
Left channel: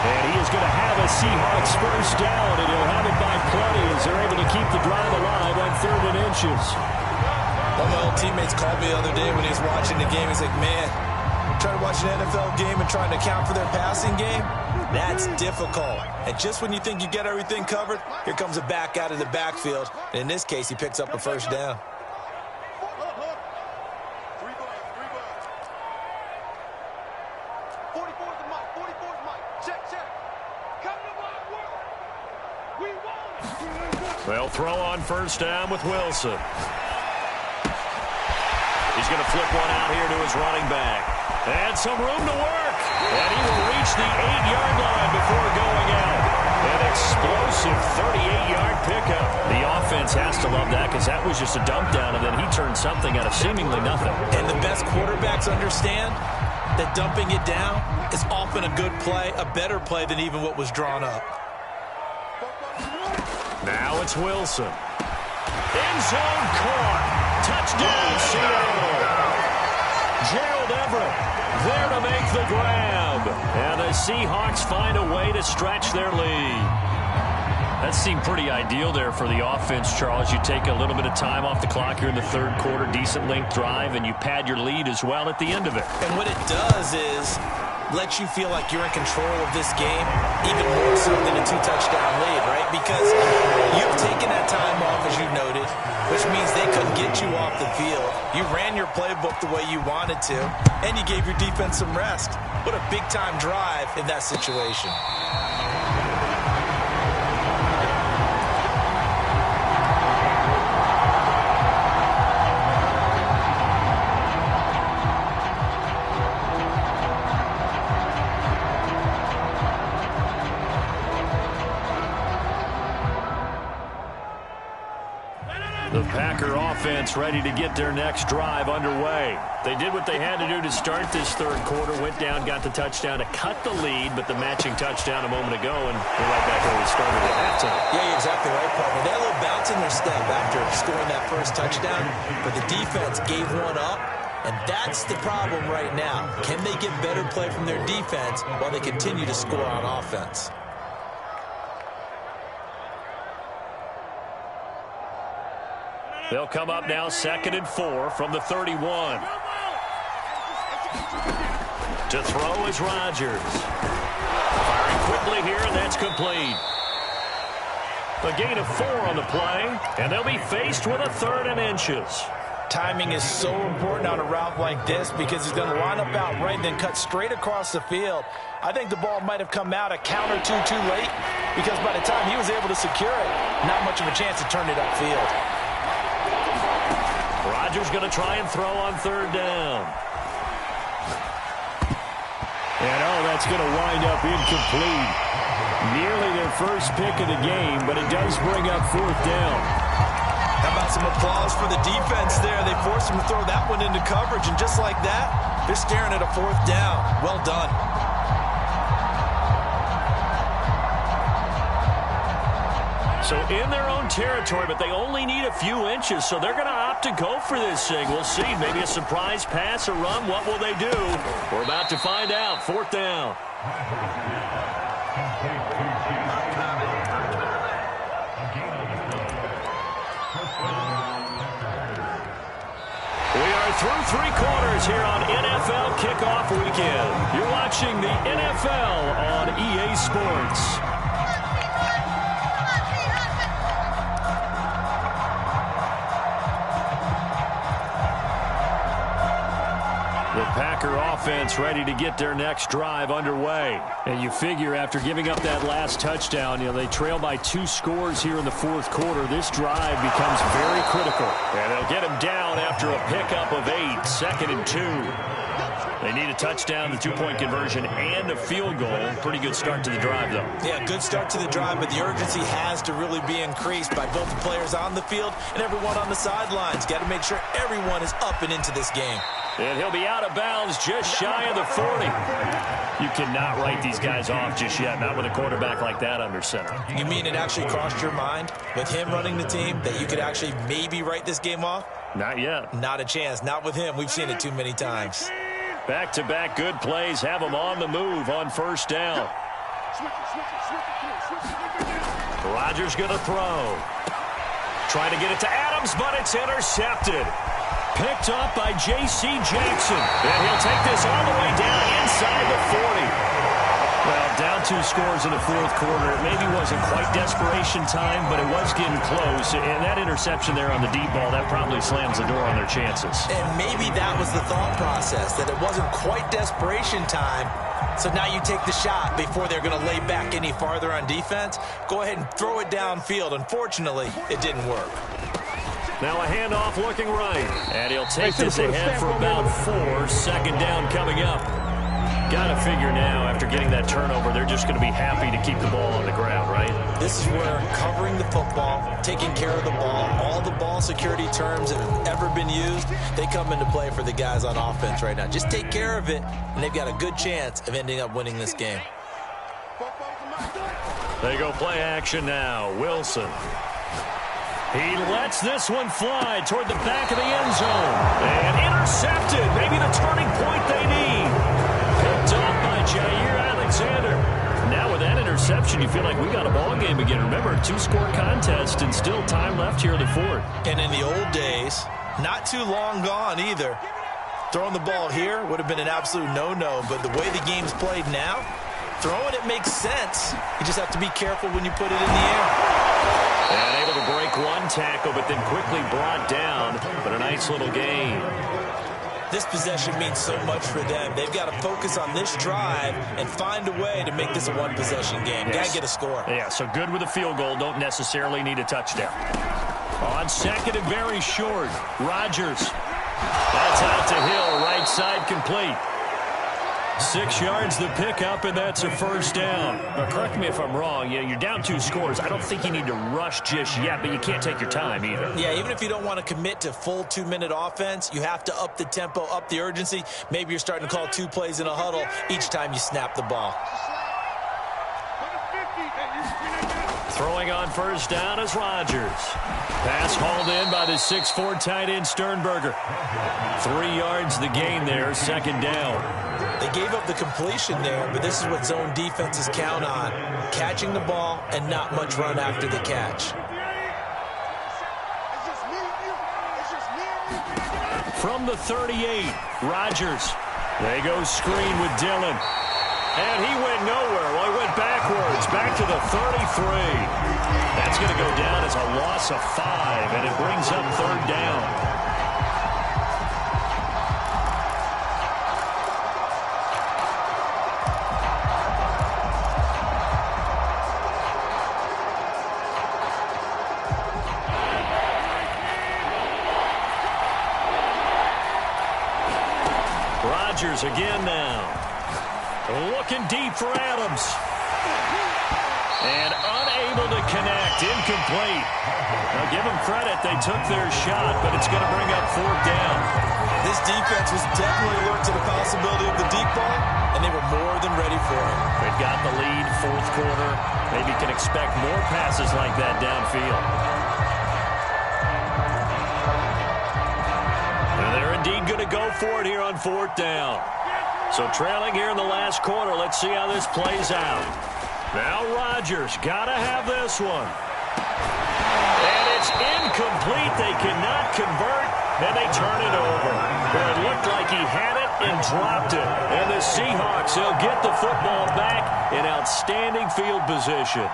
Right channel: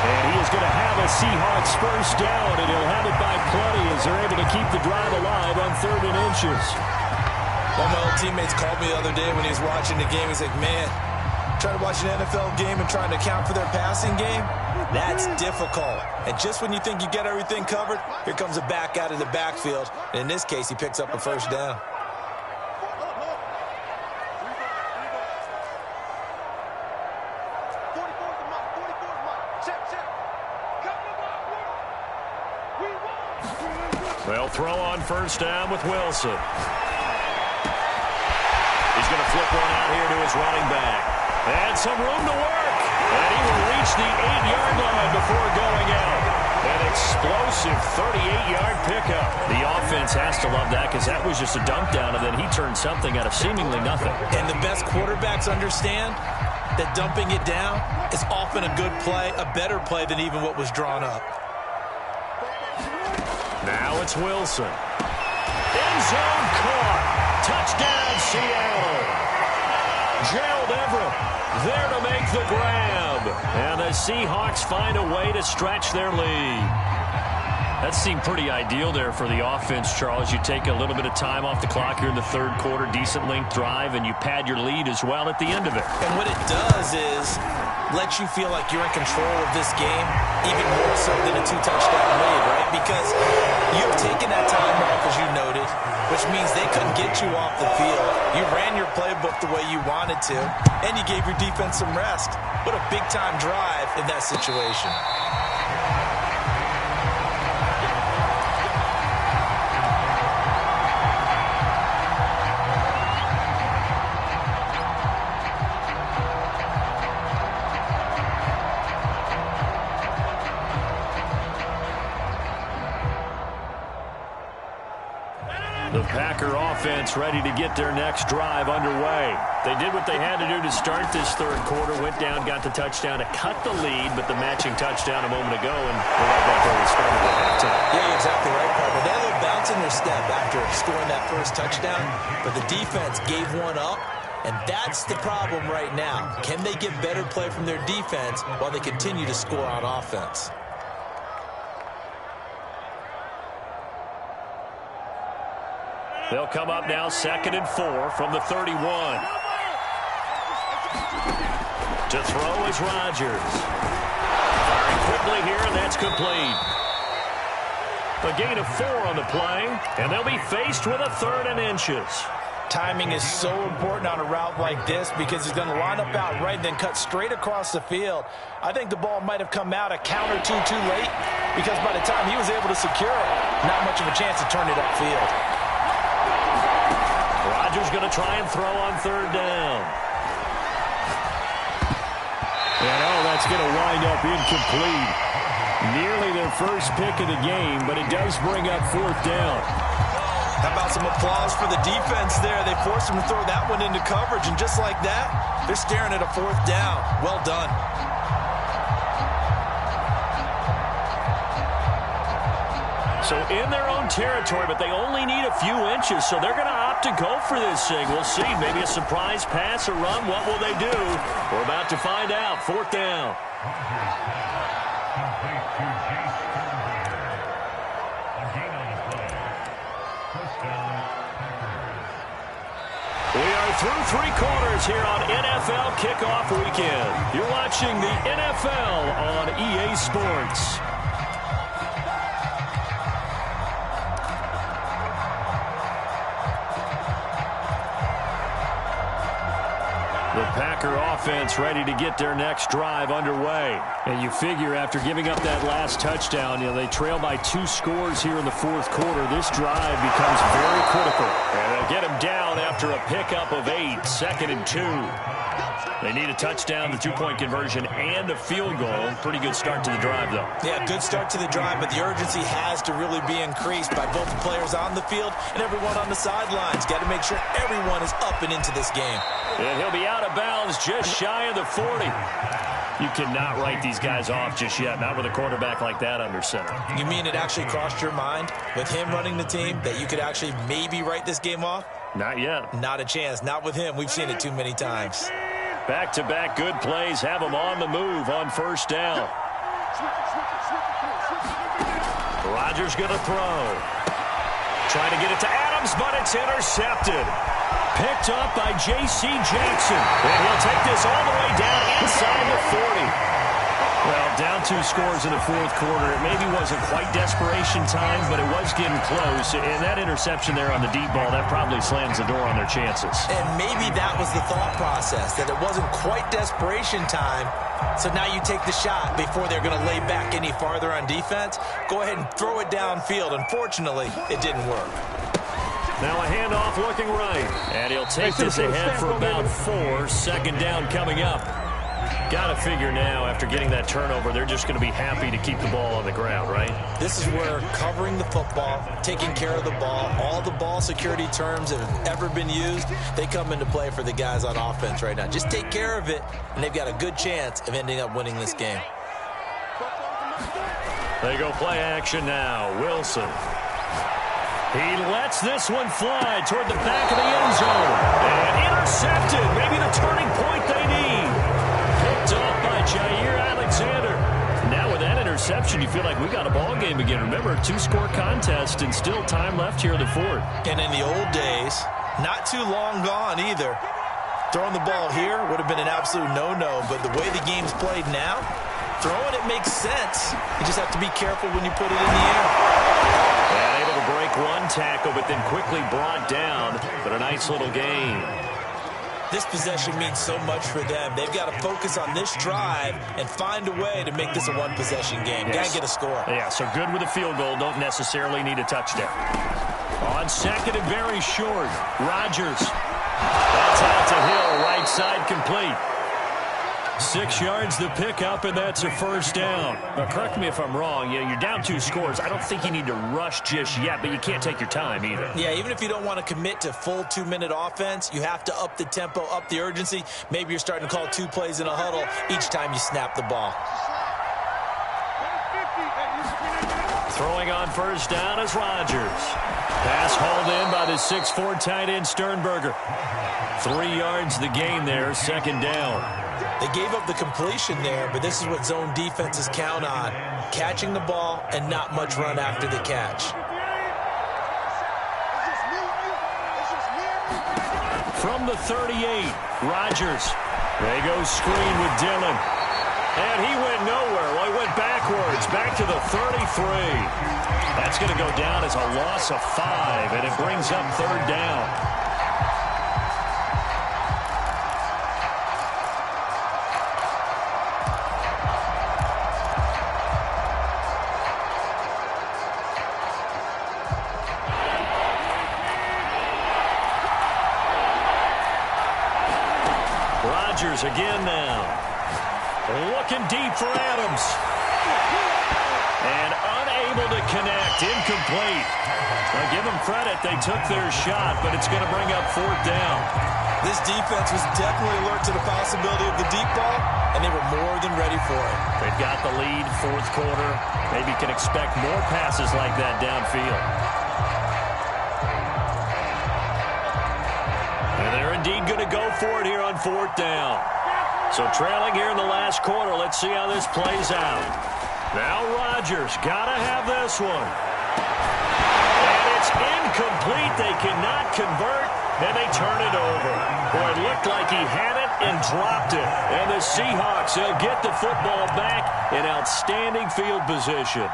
And he is going to have a Seahawks first down, and he'll have it by plenty as they're able to keep the drive alive on 3rd and inches. One of my old teammates called me the other day when he was watching the game. He's like, man, trying to watch an NFL game and trying to account for their passing game, that's difficult. And just when you think you get everything covered, here comes a back out of the backfield. And in this case, he picks up a first down. They'll throw on first down with Wilson. He's going to flip one out here to his running back. And some room to work. And he will reach the 8-yard line before going out. An explosive 38-yard pickup. The offense has to love that because that was just a dump down, and then he turned something out of seemingly nothing. And the best quarterbacks understand that dumping it down is often a good play, a better play than even what was drawn up. Now it's Wilson. End zone caught. Touchdown, Seattle. Gerald Everett there to make the grab. And the Seahawks find a way to stretch their lead. That seemed pretty ideal there for the offense, Charles. You take a little bit of time off the clock here in the third quarter, decent length drive, and you pad your lead as well at the end of it. And what it does is let you feel like you're in control of this game, even more so than a 2-touchdown lead, right? Because you have taken that time off, as you noted, which means they couldn't get you off the field. You ran your playbook the way you wanted to, and you gave your defense some rest. What a big-time drive in that situation. Packer offense ready to get their next drive underway. They did what they had to do to start this third quarter, went down, got the touchdown to cut the lead, but the matching touchdown a moment ago, and we're right back where we started at halftime. Yeah, you're exactly right, partner. They had a little bounce in their step after scoring that first touchdown, but the defense gave one up, and that's the problem right now. Can they get better play from their defense while they continue to score on offense? They'll come up now 2nd and 4 from the 31. To throw is Rodgers. Firing quickly here, and that's complete. A gain of 4 on the play, and they'll be faced with a 3rd and inches. Timing is so important on a route like this because he's going to line up out right and then cut straight across the field. I think the ball might have come out a count or two too late because by the time he was able to secure it, not much of a chance to turn it upfield. Rodgers going to try and throw on 3rd down. And that's going to wind up incomplete. Nearly their first pick of the game, but it does bring up 4th down. How about some applause for the defense there? They forced him to throw that one into coverage, and just like that, they're staring at a 4th down. Well done. So in their own territory, but they only need a few inches, so they're going to opt to go for this thing. We'll see. Maybe a surprise pass or run. What will they do? We're about to find out. 4th down. We are through 3 quarters here on NFL Kickoff Weekend. You're watching the NFL on EA Sports. The Packer offense ready to get their next drive underway. And you figure after giving up that last touchdown, they trail by 2 scores here in the 4th quarter. This drive becomes very critical. And they'll get him down after a pickup of 8, 2nd and 2. They need a touchdown, the 2-point conversion, and a field goal. Pretty good start to the drive, though. Yeah, good start to the drive, but the urgency has to really be increased by both the players on the field and everyone on the sidelines. Got to make sure everyone is up and into this game. And he'll be out of bounds just shy of the 40. You cannot write these guys off just yet, not with a quarterback like that under center. You mean it actually crossed your mind with him running the team that you could actually maybe write this game off? Not yet. Not a chance. Not with him. We've seen it too many times. Back-to-back good plays have him on the move on 1st down. Rodgers going to throw. Trying to get it to Adams, but it's intercepted. Picked up by J.C. Jackson. And he'll take this all the way down inside the 40. Well, down 2 scores in the 4th quarter. It maybe wasn't quite desperation time, but it was getting close. And that interception there on the deep ball, that probably slams the door on their chances. And maybe that was the thought process, that it wasn't quite desperation time. So now you take the shot before they're going to lay back any farther on defense. Go ahead and throw it downfield. Unfortunately, it didn't work. Now a handoff looking right. And he'll take this ahead for about 4. 2nd down coming up. Got to figure now, after getting that turnover, they're just going to be happy to keep the ball on the ground, right? This is where covering the football, taking care of the ball, all the ball security terms that have ever been used, they come into play for the guys on offense right now. Just take care of it, and they've got a good chance of ending up winning this game. They go play action now. Wilson. He lets this one fly toward the back of the end zone. And intercepted. Maybe the turning point they need. Picked up by Jair Alexander. Now with that interception, you feel like we got a ball game again. Remember, 2-score contest and still time left here in the 4th. And in the old days, not too long gone either, throwing the ball here would have been an absolute no-no. But the way the game's played now, throwing it makes sense. You just have to be careful when you put it in the air. And able to break one tackle, but then quickly brought down. But a nice little gain. This possession means so much for them. They've got to focus on this drive and find a way to make this a one-possession game. Yes. Got to get a score. Yeah, so good with a field goal. Don't necessarily need a touchdown. On 2nd and very short, Rodgers. That's out to Hill, right side complete. 6 yards the pickup, and that's a first down. But correct me if I'm wrong. You're down 2 scores. I don't think you need to rush just yet, but you can't take your time either. Yeah, even if you don't want to commit to full 2-minute offense, you have to up the tempo, up the urgency. Maybe you're starting to call 2 plays in a huddle each time you snap the ball. Throwing on first down is Rodgers. Pass hauled in by the 6'4" tight end Sternberger. 3 yards the gain there, second down. They gave up the completion there, but this is what zone defenses count on. Catching the ball and not much run after the catch. From the 38, Rodgers. They go screen with Dillon. And he went nowhere. Well, he went backwards, back to the 33. That's going to go down as a loss of 5, and it brings up third down. Rodgers again now. Looking deep for Adams. And unable to connect. Incomplete. Now give them credit. They took their shot, but it's going to bring up fourth down. This defense was definitely alert to the possibility of the deep ball, and they were more than ready for it. They've got the lead, fourth quarter. Maybe can expect more passes like that downfield. And they're indeed going to go for it here on fourth down. So trailing here in the last quarter. Let's see how this plays out. Now Rodgers got to have this one. And it's incomplete. They cannot convert, and they turn it over. Boy, it looked like he had it and dropped it. And the Seahawks, they'll get the football back in outstanding field position.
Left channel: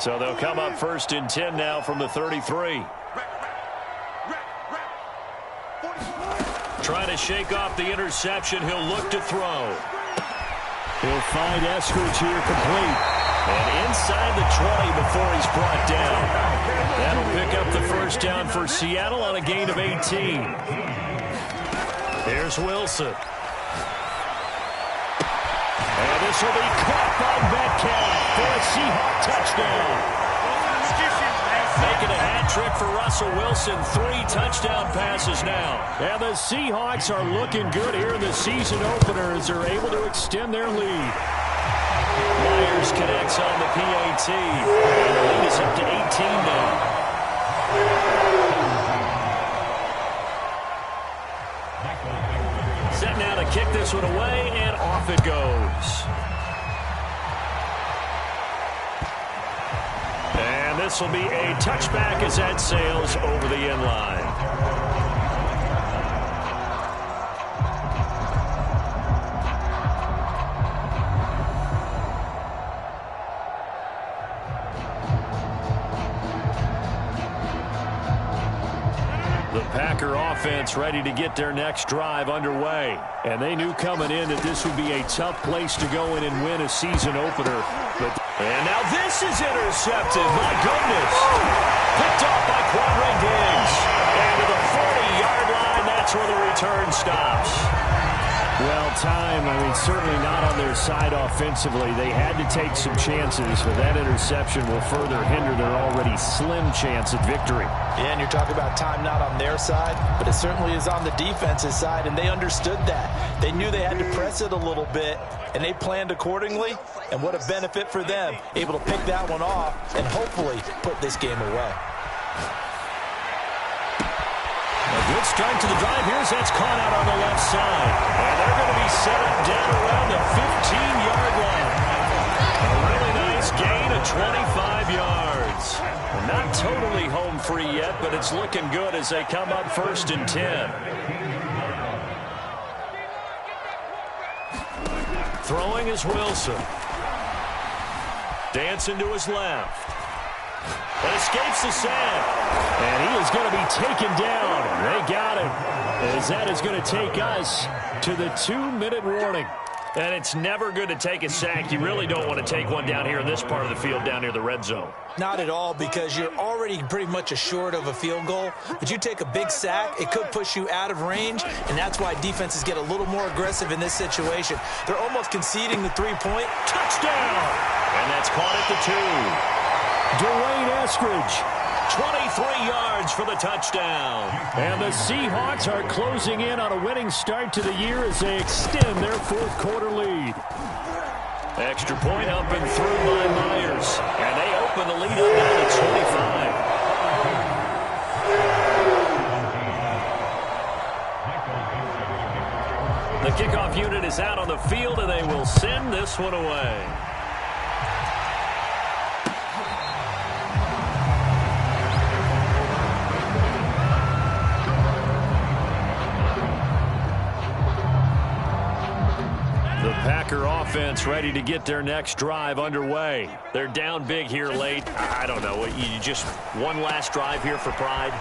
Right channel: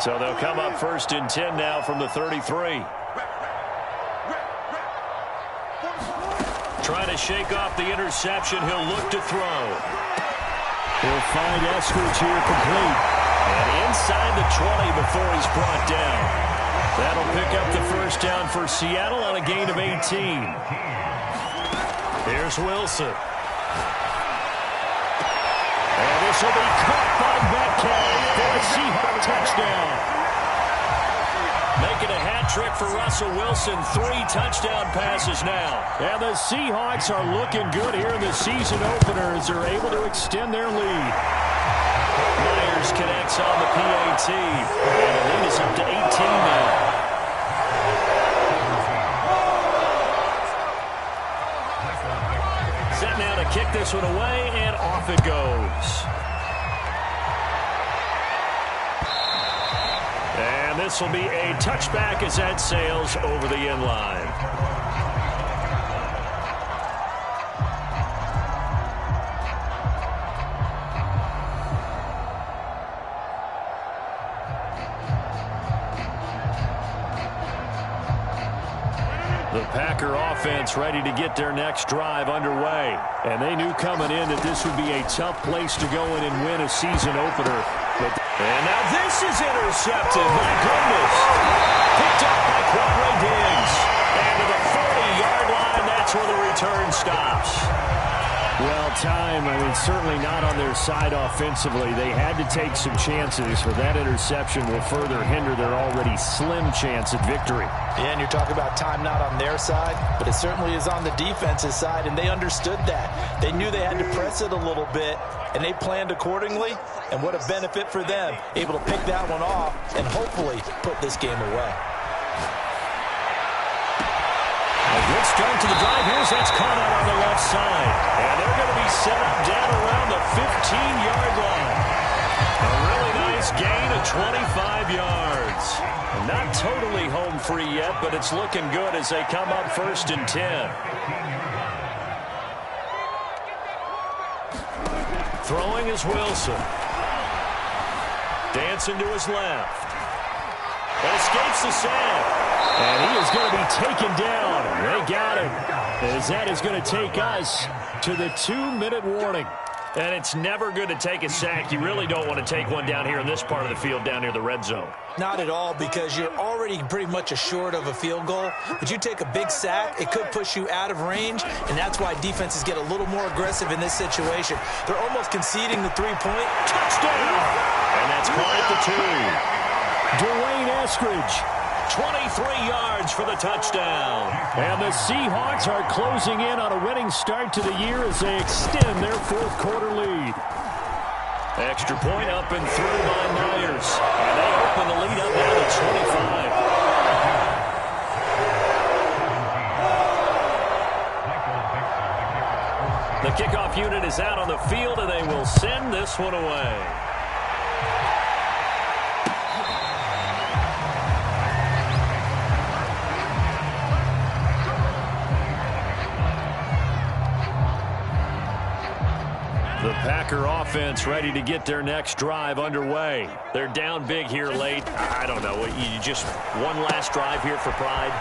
So they'll come up first and 10 now from the 33. Trying to shake off the interception. He'll look to throw. He'll find Eskridge here complete. And inside the 20 before he's brought down. That'll pick up the first down for Seattle on a gain of 18. Here's Wilson. And this will be caught by Metcalf for a Seahawk touchdown. Making a hat trick for Russell Wilson. 3 touchdown passes now. And the Seahawks are looking good here in the season opener as they're able to extend their lead. Myers connects on the PAT. And the lead is up to 18 now. Set now to kick this one away, and off it goes. And this will be a touchback as that sails over the end line. The Packer offense ready to get their next drive underway. And they knew coming in that this would be a tough place to go in and win a season opener. And now this is intercepted. My goodness. Picked off by Quandre Diggs. And to the 40-yard line, that's where the return stops. Well, time, certainly not on their side offensively. They had to take some chances, but that interception will further hinder their already slim chance at victory. Yeah, and you're talking about time not on their side, but it certainly is on the defense's side, and they understood that. They knew they had to press it a little bit, and they planned accordingly, and what a benefit for them, able to pick that one off and hopefully put this game away. A good start to the drive. Here's that's caught out on the left side. And they're going to be set up down around the 15-yard line. A really nice gain of 25 yards. Not totally home free yet, but it's looking good as they come up first and 10. Throwing is Wilson. Dancing to his left. And escapes the sack. And he is going to be taken down. They got him. As that is going to take us to the 2-minute warning. And it's never good to take a sack. You really don't want to take one down here in this part of the field, down near the red zone. Not at all, because you're already pretty much assured of a field goal. But you take a big sack, it could push you out of range, and that's why defenses get a little more aggressive in this situation. They're almost conceding the 3-point. Touchdown! And that's caught at the 2. Dwayne Eskridge. 23 yards for the touchdown. And the Seahawks are closing in on a winning start to the year as they extend their fourth quarter lead. Extra point up and through by Myers. And they open the lead up now to 25. The kickoff unit is out on the field, and they will send this one away. The Packer offense ready to get their next drive underway. They're down big here late. I don't know. You just one last drive here for pride?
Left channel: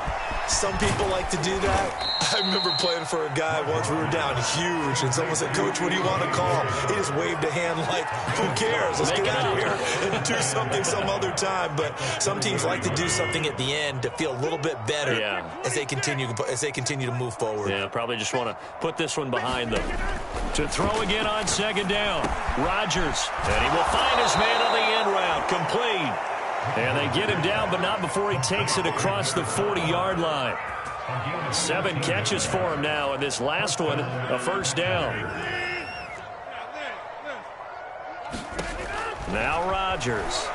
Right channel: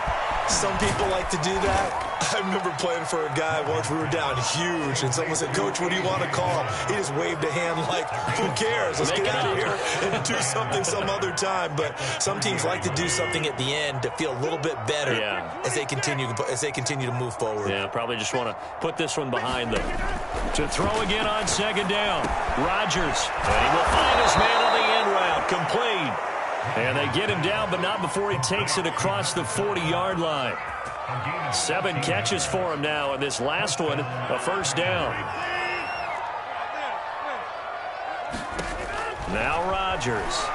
Some people like to do that. I remember playing for a guy once. We were down huge, and someone said, "Coach, what do you want to call?" He just waved a hand like, "Who cares? Let's get out of here and do something some other time." But some teams like to do something at the end to feel a little bit better as they continue to move forward. Yeah, probably just want to put this one behind them. To throw again on second down, Rodgers, and he will find his man on the end route, complete. And they get him down, but not before he takes it across the 40-yard line. 7 catches for him now, and this last one, a first down. Now Rodgers.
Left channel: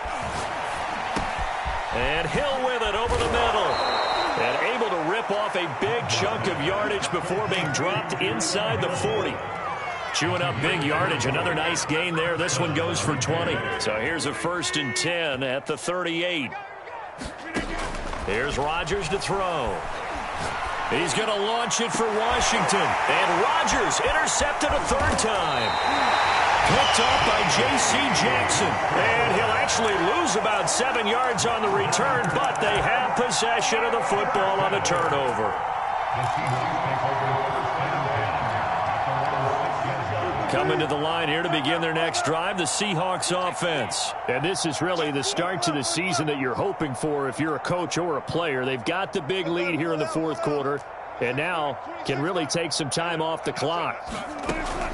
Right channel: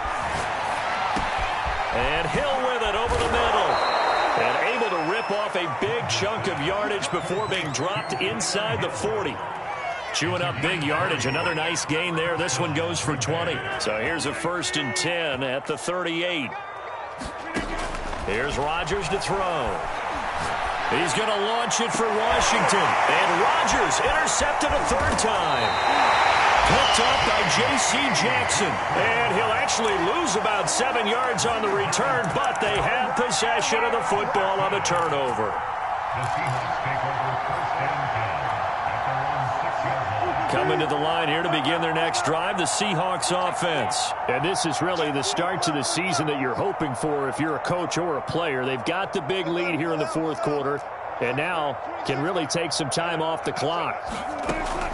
And Hill with it over the middle. And able to rip off a big chunk of yardage before being dropped inside the 40. Chewing up big yardage. Another nice gain there. This one goes for 20. So here's a 1st and 10 at the 38. Here's Rodgers to throw. He's going to launch it for Washington. And Rodgers intercepted a 3rd time. Picked up by J.C. Jackson. And he'll actually lose about 7 yards on the return, but they have possession of the football on the turnover. The Seahawks take over 1st and 10. Coming to the line here to begin their next drive, the Seahawks offense. And this is really the start to the season that you're hoping for if you're a coach or a player. They've got the big lead here in the 4th quarter, and now can really take some time off the clock.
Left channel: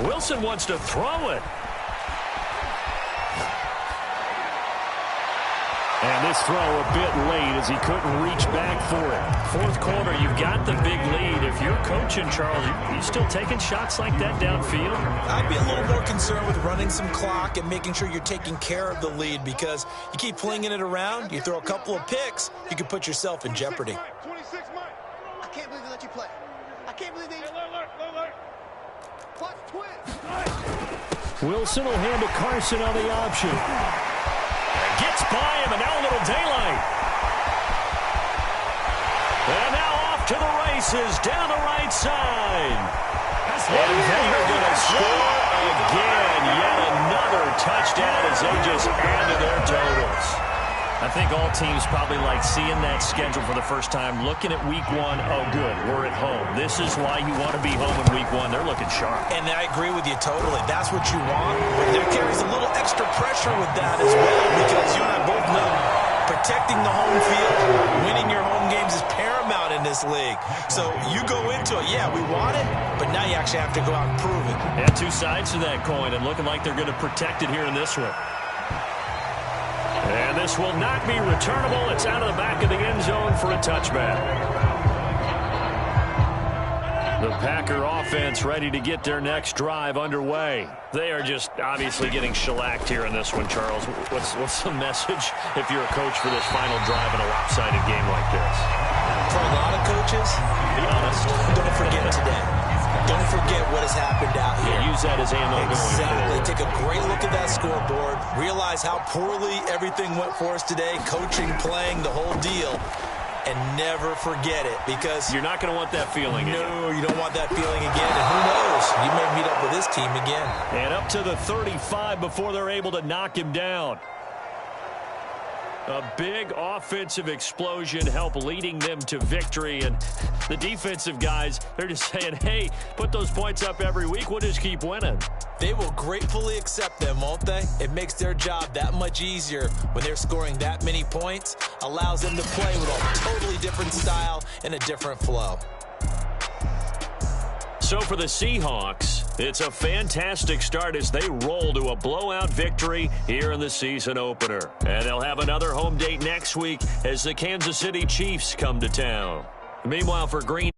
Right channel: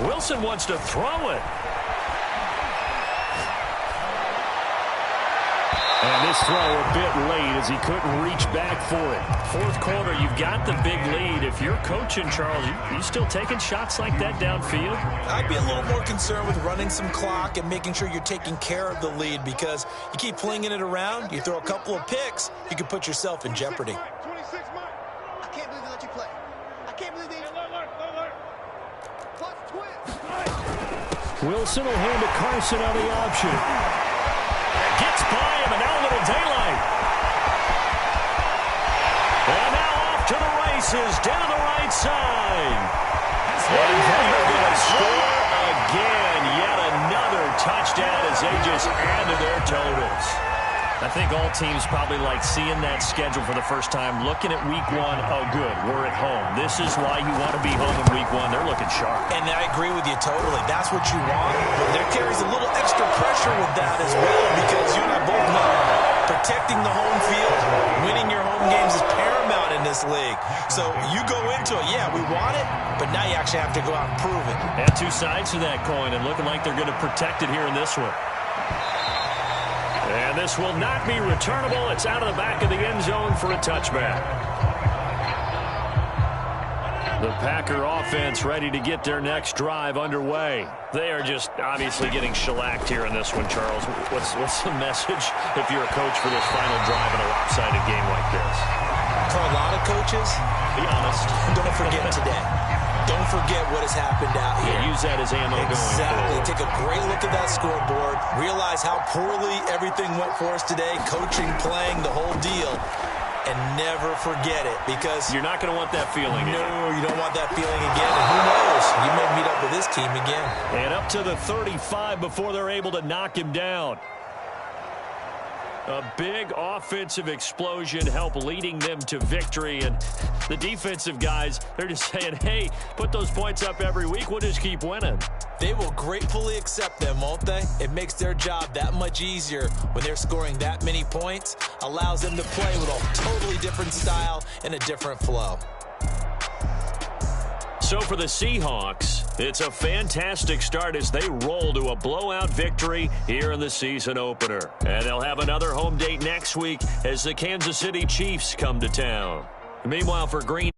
Wilson wants to throw it. And this throw a bit late as he couldn't reach back for it. 4th quarter, you've got the big lead. If you're coaching, Charles, you still taking shots like that downfield? I'd be a little more concerned with running some clock and making sure you're taking care of the lead, because you keep flinging it around, you throw a couple of picks, you can put yourself in jeopardy. 26 Mike. I can't believe they let you play. I can't believe they... Watch twist. Wilson will hand to Carson on the option. Gets by him, and now a little daylight. And now off to the races, down the right side. And they are going to score again. Yet another touchdown as they just add to their totals. I think all teams probably like seeing that schedule for the first time, looking at week 1. Oh, good, we're at home. This is why you want to be home in week 1. They're looking sharp. And I agree with you totally. That's what you want. But there carries a little extra pressure with that as well, because you and I both know protecting the home field, winning your home games is paramount in this league. So you go into it, yeah, we want it, but now you actually have to go out and prove it. And 2 sides to that coin, and looking like they're going to protect it here in this one. And this will not be returnable. It's out of the back of the end zone for a touchback. The Packer offense ready to get their next drive underway. They are just obviously getting shellacked here in this one, Charles. What's the message if you're a coach for this final drive in a lopsided game like this? For a lot of coaches, be honest. Don't forget today. Don't forget what has happened out here. Yeah, use that as ammo going forward. Exactly. Take a great look at that scoreboard. Realize how poorly everything went for us today. Coaching, playing, the whole deal. And never forget it, because you're not going to want that feeling again. No, you don't want that feeling again. And who knows? You may meet up with this team again. And up to the 35 before they're able to knock him down. A big offensive explosion helped leading them to victory. And the defensive guys, they're just saying, hey, put those points up every week. We'll just keep winning. They will gratefully accept them, won't they? It makes their job that much easier when they're scoring that many points. Allows them to play with a totally different style and a different flow. So for the Seahawks, it's a fantastic start as they roll to a blowout victory here in the season opener. And they'll have another home date next week as the Kansas City Chiefs come to town. Meanwhile, for Green